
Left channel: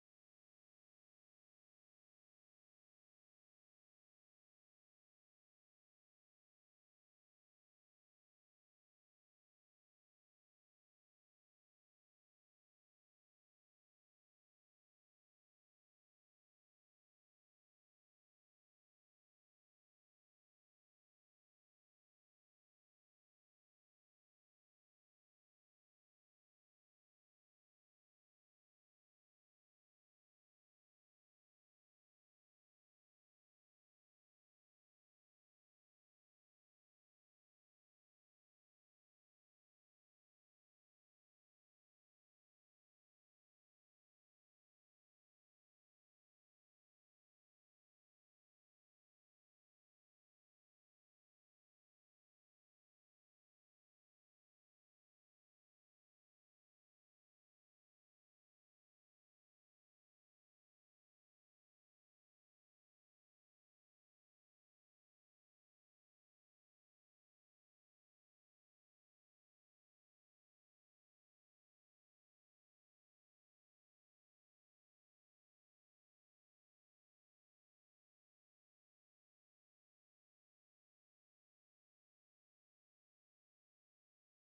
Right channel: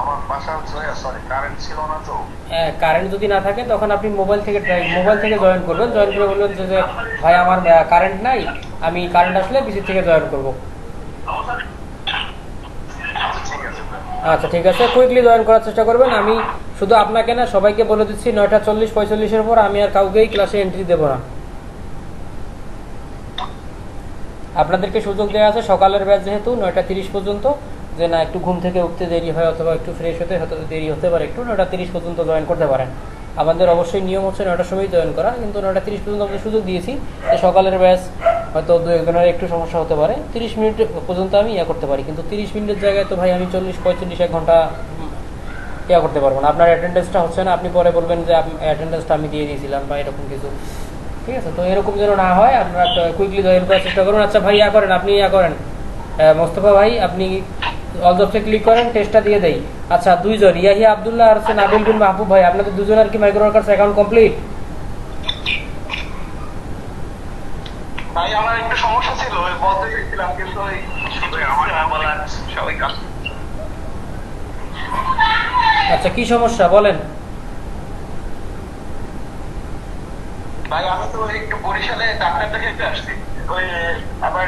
আমার বাসা হচ্ছে সরি কারেন্ট ছিল না তো। কারেন্ট যদি না থাকে তখন আপনি মোবাইল থেকে জয়েন করবেন। জয়েন করে বলবেন যে ভাই আমার কারেন্ট নাই, আমি কারেন্ট আসলে পিসি থেকে জয়েন করব। আচ্ছা ঠিক আছে, কুইকলি জয়েন করার চেষ্টা করবেন। আমি শুধু আপনাকে না সবাইকে বলে দিচ্ছি 9:40-45-এর পর আমি আর কাউকেই ক্লাসে এন্ট্রি দেব না। আপনাদেরকে সুযোগ দেওয়া আছে সকালের ব্যাচ যেহেতু 9:30 পর্যন্ত, যে না একটু ঘুম থেকে উঠতে দেরি হয় অথবা একটু ফ্রেশ হতে হয়তো দেরি হতে পারে, একটু 9:30 পর্যন্ত জয়েন করতে পারেন। আমাদের অবশ্যই নিয়ম হচ্ছে 9টার সময় জয়েন করা, কিন্তু 9:30 পর্যন্ত আমরা সুযোগ দিয়েছি। সকালের ব্যাচ হয়তো 2-1 জনের একটু সমস্যা হতে পারে, 30 মিনিট পর্যন্ত আমি করতে পারি, কিন্তু 30 মিনিটের জায়গায় তো ভাই আমি 40-45-1 ঘন্টা করতে পারবো না। আপনার অ্যাটেন্ডেন্সটা হচ্ছে না, আপনি পরে বলবেন যে অ্যাটেন্ডেন্সটা আমি দিয়ে দিয়েছিলাম বা এরকম কিছু। ঠিক আছে, তো এরকম যেন না হয় আপনারা কুইকলি জয়েন করার চেষ্টা করুন। আচ্ছা ভাই করেন, আপনি করেন মোস্তফা ভাই, আপনি অল জবসে ক্লিক করেন, টেস্টটা দিয়ে দেই। আচ্ছা 2 জন ইয়াহিয়া আব্দুল্লাহ আর হচ্ছে নাবিল বিন মাহবুব ভাই, আপনাদের দুজনের কি মাইক্রো ওয়ার্কার্স অ্যাকাউন্ট কমপ্লিট? ভাই আমার একটু সমস্যা ছিল, ওই বলতে চাইছিলাম কিন্তু ওই আমার না বলা সবাই কাজ। আচ্ছা কি সমস্যা বলেন? ভাই আমি তো একটু বরিশালে ডাক্তার দেখাতে আসছি, ওই আবার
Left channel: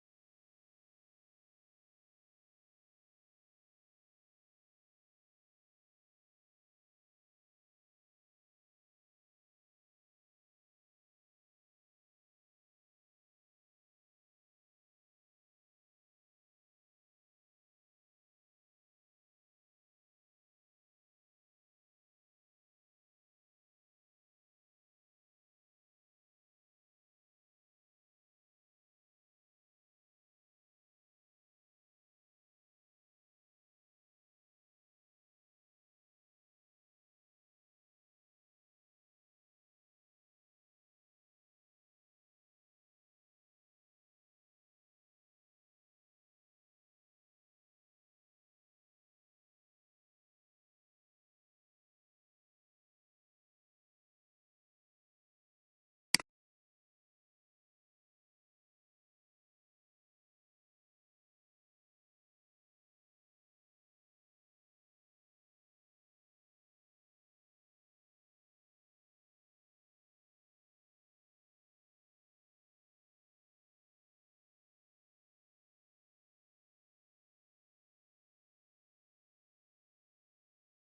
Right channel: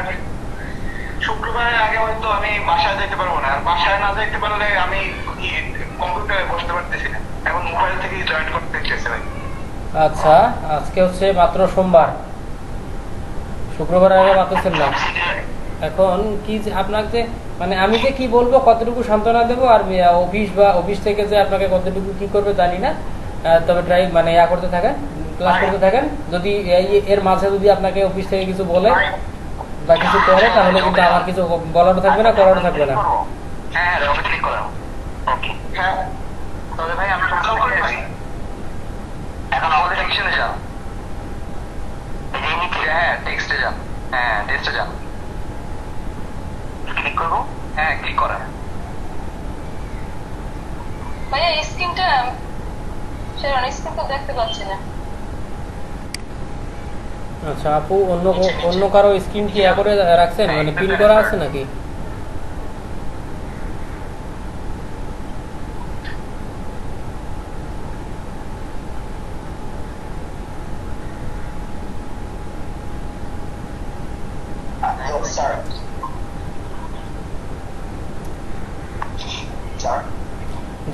শুক্রবারের আগে হয়তো আমি বাসায় যেতে পারবো না। আর বাসায় না যেতে পারলে আমি কম্পিউটারে বসতে পারতেছি না, এখন মোবাইল থেকেই জয়েন করতে চাইছি ভাই। আচ্ছা আজকে হচ্ছে মাত্র সোমবার, শুক্রবারের আগে পাচ্ছেন না। এখন কি যে আপনাকে মানে আমি যে কি বলবো, কতটুকু সান্ত্বনা দেবো, আর অফিস থেকে যে আপনাকে কতটুকু কি করবে জানি না। তবে ট্রাই মানে করতে থাকেন, ক্লাস করতে থাকেন। যদি এর মাঝে যদি আপনাকে অফিস থেকে কিছু বলে বা কিছু করে, তাহলে কিন্তু আমার কিছু বলারও থাকবে না, করারও থাকবে না। হ্যাঁ ক্লিক করলাম। ওকে হ্যাঁ তবে ভাই আমি এখন আমাদের সেকশনে যান। হ্যাঁ টেক্সটে যান, হ্যাঁ টেক্সটে যান, ক্লিক করবো। হ্যাঁ ক্লিক করা। ভাইয়া স্ক্রিনটা স্ক্রিন তো দেখতে পাচ্ছি না। আচ্ছা আপু, অন্য কারো স্ক্রিন কি করে রাখছেন, মানে পিন করা আছে নাকি?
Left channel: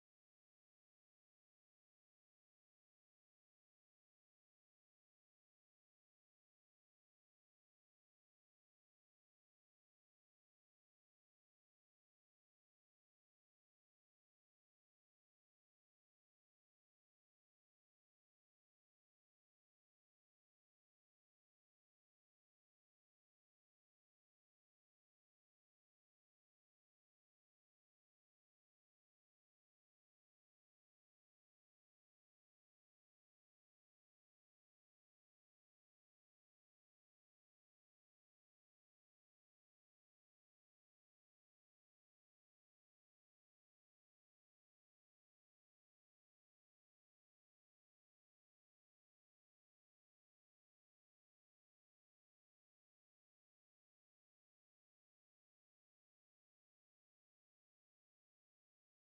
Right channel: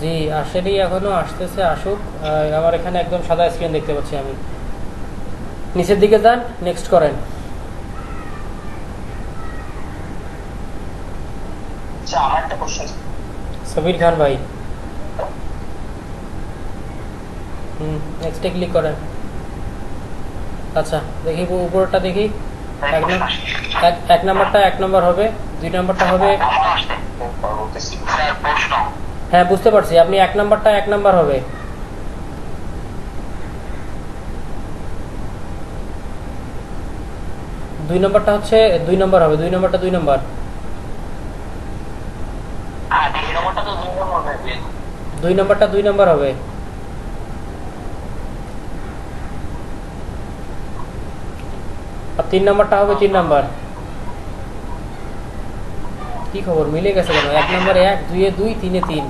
জি আসলেই এখনো আসতেছে, আসুক। আমার এখানে একদম সাদা স্ক্রিন দেখতে পাচ্ছি আমি। নিচের দিকে যান, নেক্সট করেন। আমার একটা কোশ্চেন। সবির খান ভাই, নেক্সটে ক্লিক করেন। আচ্ছা দেখি উপরটা দেখি। এক নাম্বারটা 1 নম্বর হবে, 2 নম্বরটা হবে। হ্যাঁ বুঝতে পারছি, আপনি 1 নাম্বারটা 1 নাম্বার হবে। দুই নম্বরটা হচ্ছে 2 নম্বর হবে, 2 নম্বরটা 2 নম্বর। 2 নম্বরটা 2 নম্বর হবে। আর 3 নম্বরটা হবে 3 নম্বর। কি খবর, মিলে গেছে কেন? 1 নম্বরে 1, 2-এ 2, 3-এ 3।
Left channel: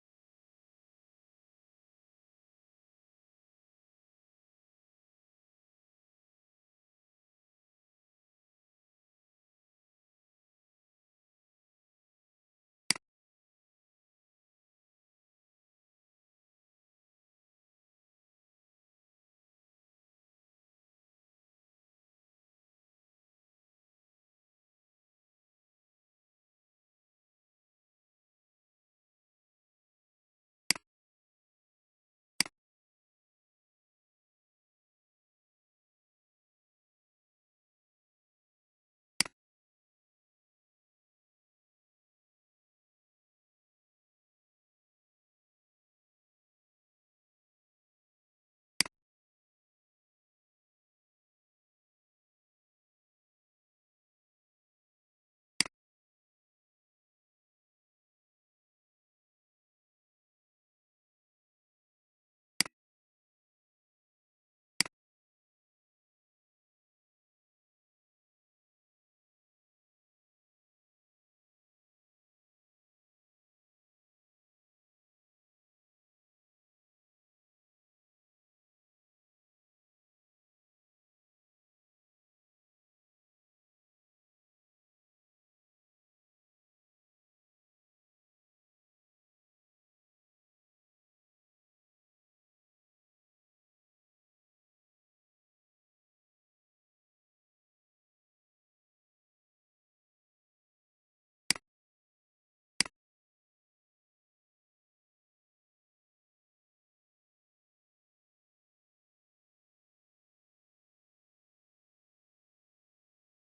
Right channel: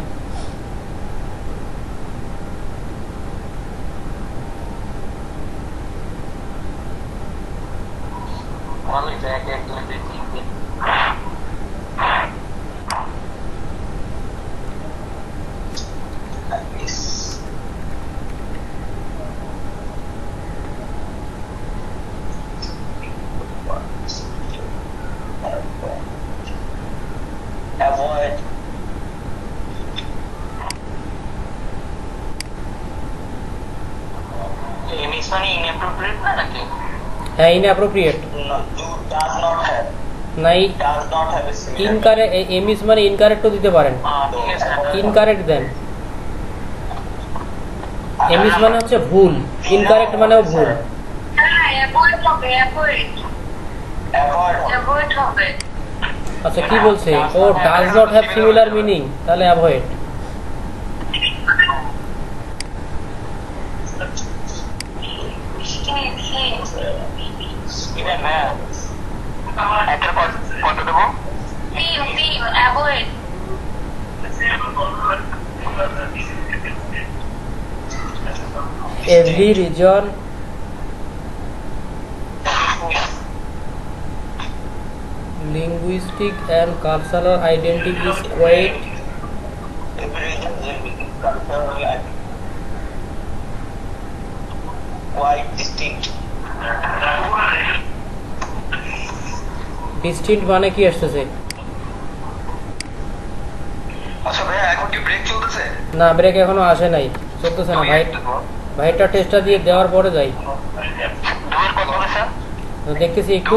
হ্যাঁ inappropriate No, do does not have. নাই Does not have a similar. Incorrect এমিস মানে ইনকারেক্টও দিতে পারেন ইনকারেক্ট দেন এমিস মানে হচ্ছে ভুল ইনকারেক্ট মানেও ভুল হ্যাঁ অ্যাভয়েড হবে Avoid. অ্যাভয়েড হবে আচ্ছা কি বলছে ও does not have similar meaning তাহলে অ্যাভয়েড Even একটা কত দেবো? তিন avoid every region linguistic and cultural identity is quite every region culturally quite distinct. distinct মানে কি আসতেছে আচ্ছা ভাইয়া এখন কি ব্রেক চলতেছে? না ব্রেক এখনো আসে নাই চলতেছে না ভাই ভাইটা টেস্টটা দিয়ে দেওয়ার পরে যাই দুয়ের কত বলেছে? তো দেখতেছি একটু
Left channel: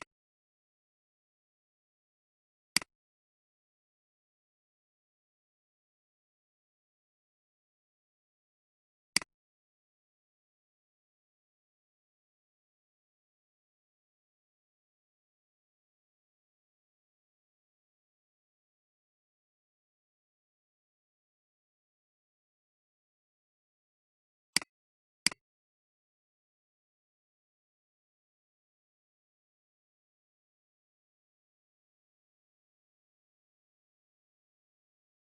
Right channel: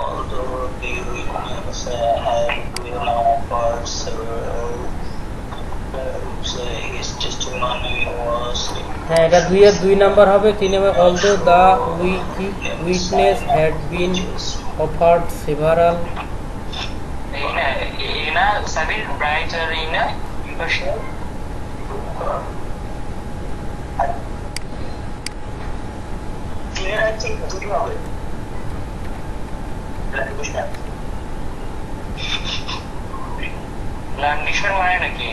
Although the regions have been offered several his testimony was হ্যাঁ এটা 2 এর 2 নাম্বার হবে 3 এর although the witness had been offered several Ina Sabir brighter Ina impartial. Clear আছে দুটো হবে ল্যান্ডিশন মানে নাকি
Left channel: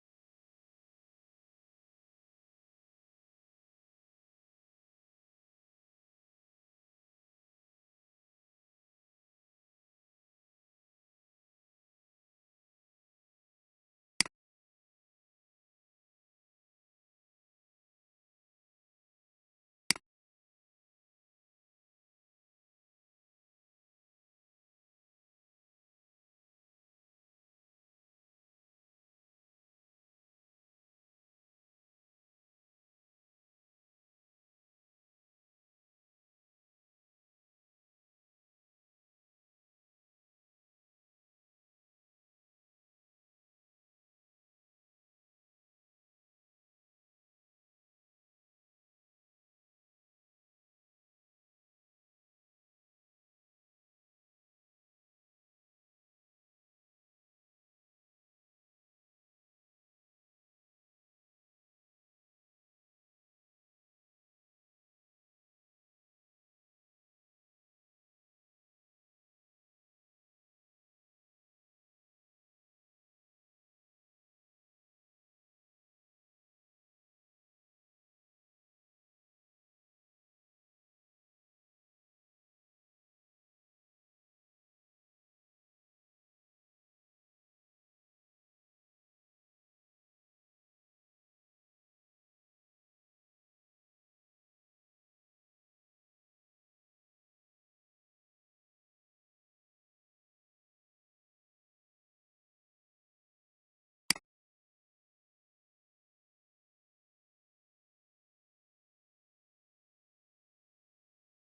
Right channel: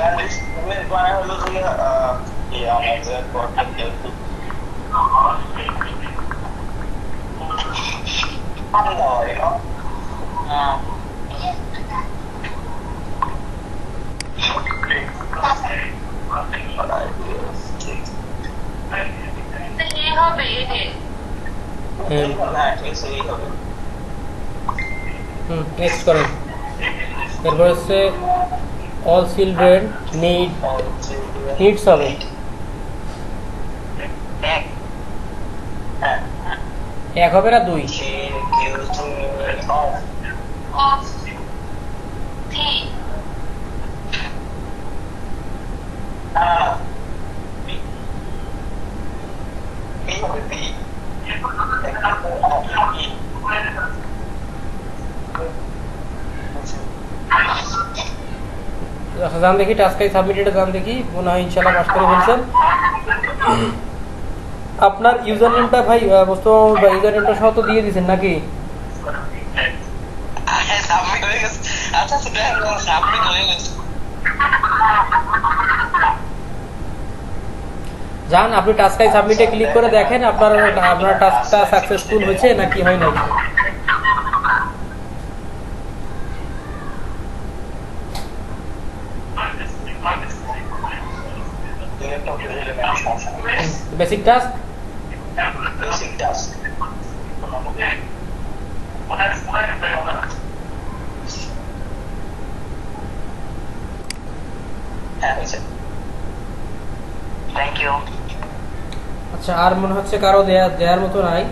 ল্যান্ডিশন মানে হলো যে আমাদের পড়তে হবে নেক্সট করেন এরপর হচ্ছে অল চিলড্রেন নিডস হবে এক হবে না 2 অফ থি আচ্ছা জান দেখি টাস্কাই সাবমিটেড জান দেখি মনে হয় ইনশাআল্লাহ পাস করে ফেলছেন আপনার ইউজার নেমটা ভাই মোস্তফা ভাই ইউজার নেমটা সহ তো দিয়ে দিবেন নাকি সাবমিট হয়ে গেছে আচ্ছা সেটা সাবমিট হয়ে গেছে জান আপনি টাস্কাই সাবমিটে ক্লিক করে দেখেন আপনার টাস্কটা সাকসেসফুল হয়েছে নাকি হয় নাই বেসিক টাস্ক থ্যাংক ইউ আচ্ছা আর মনে হচ্ছে কারো দেয়ার মতো নাই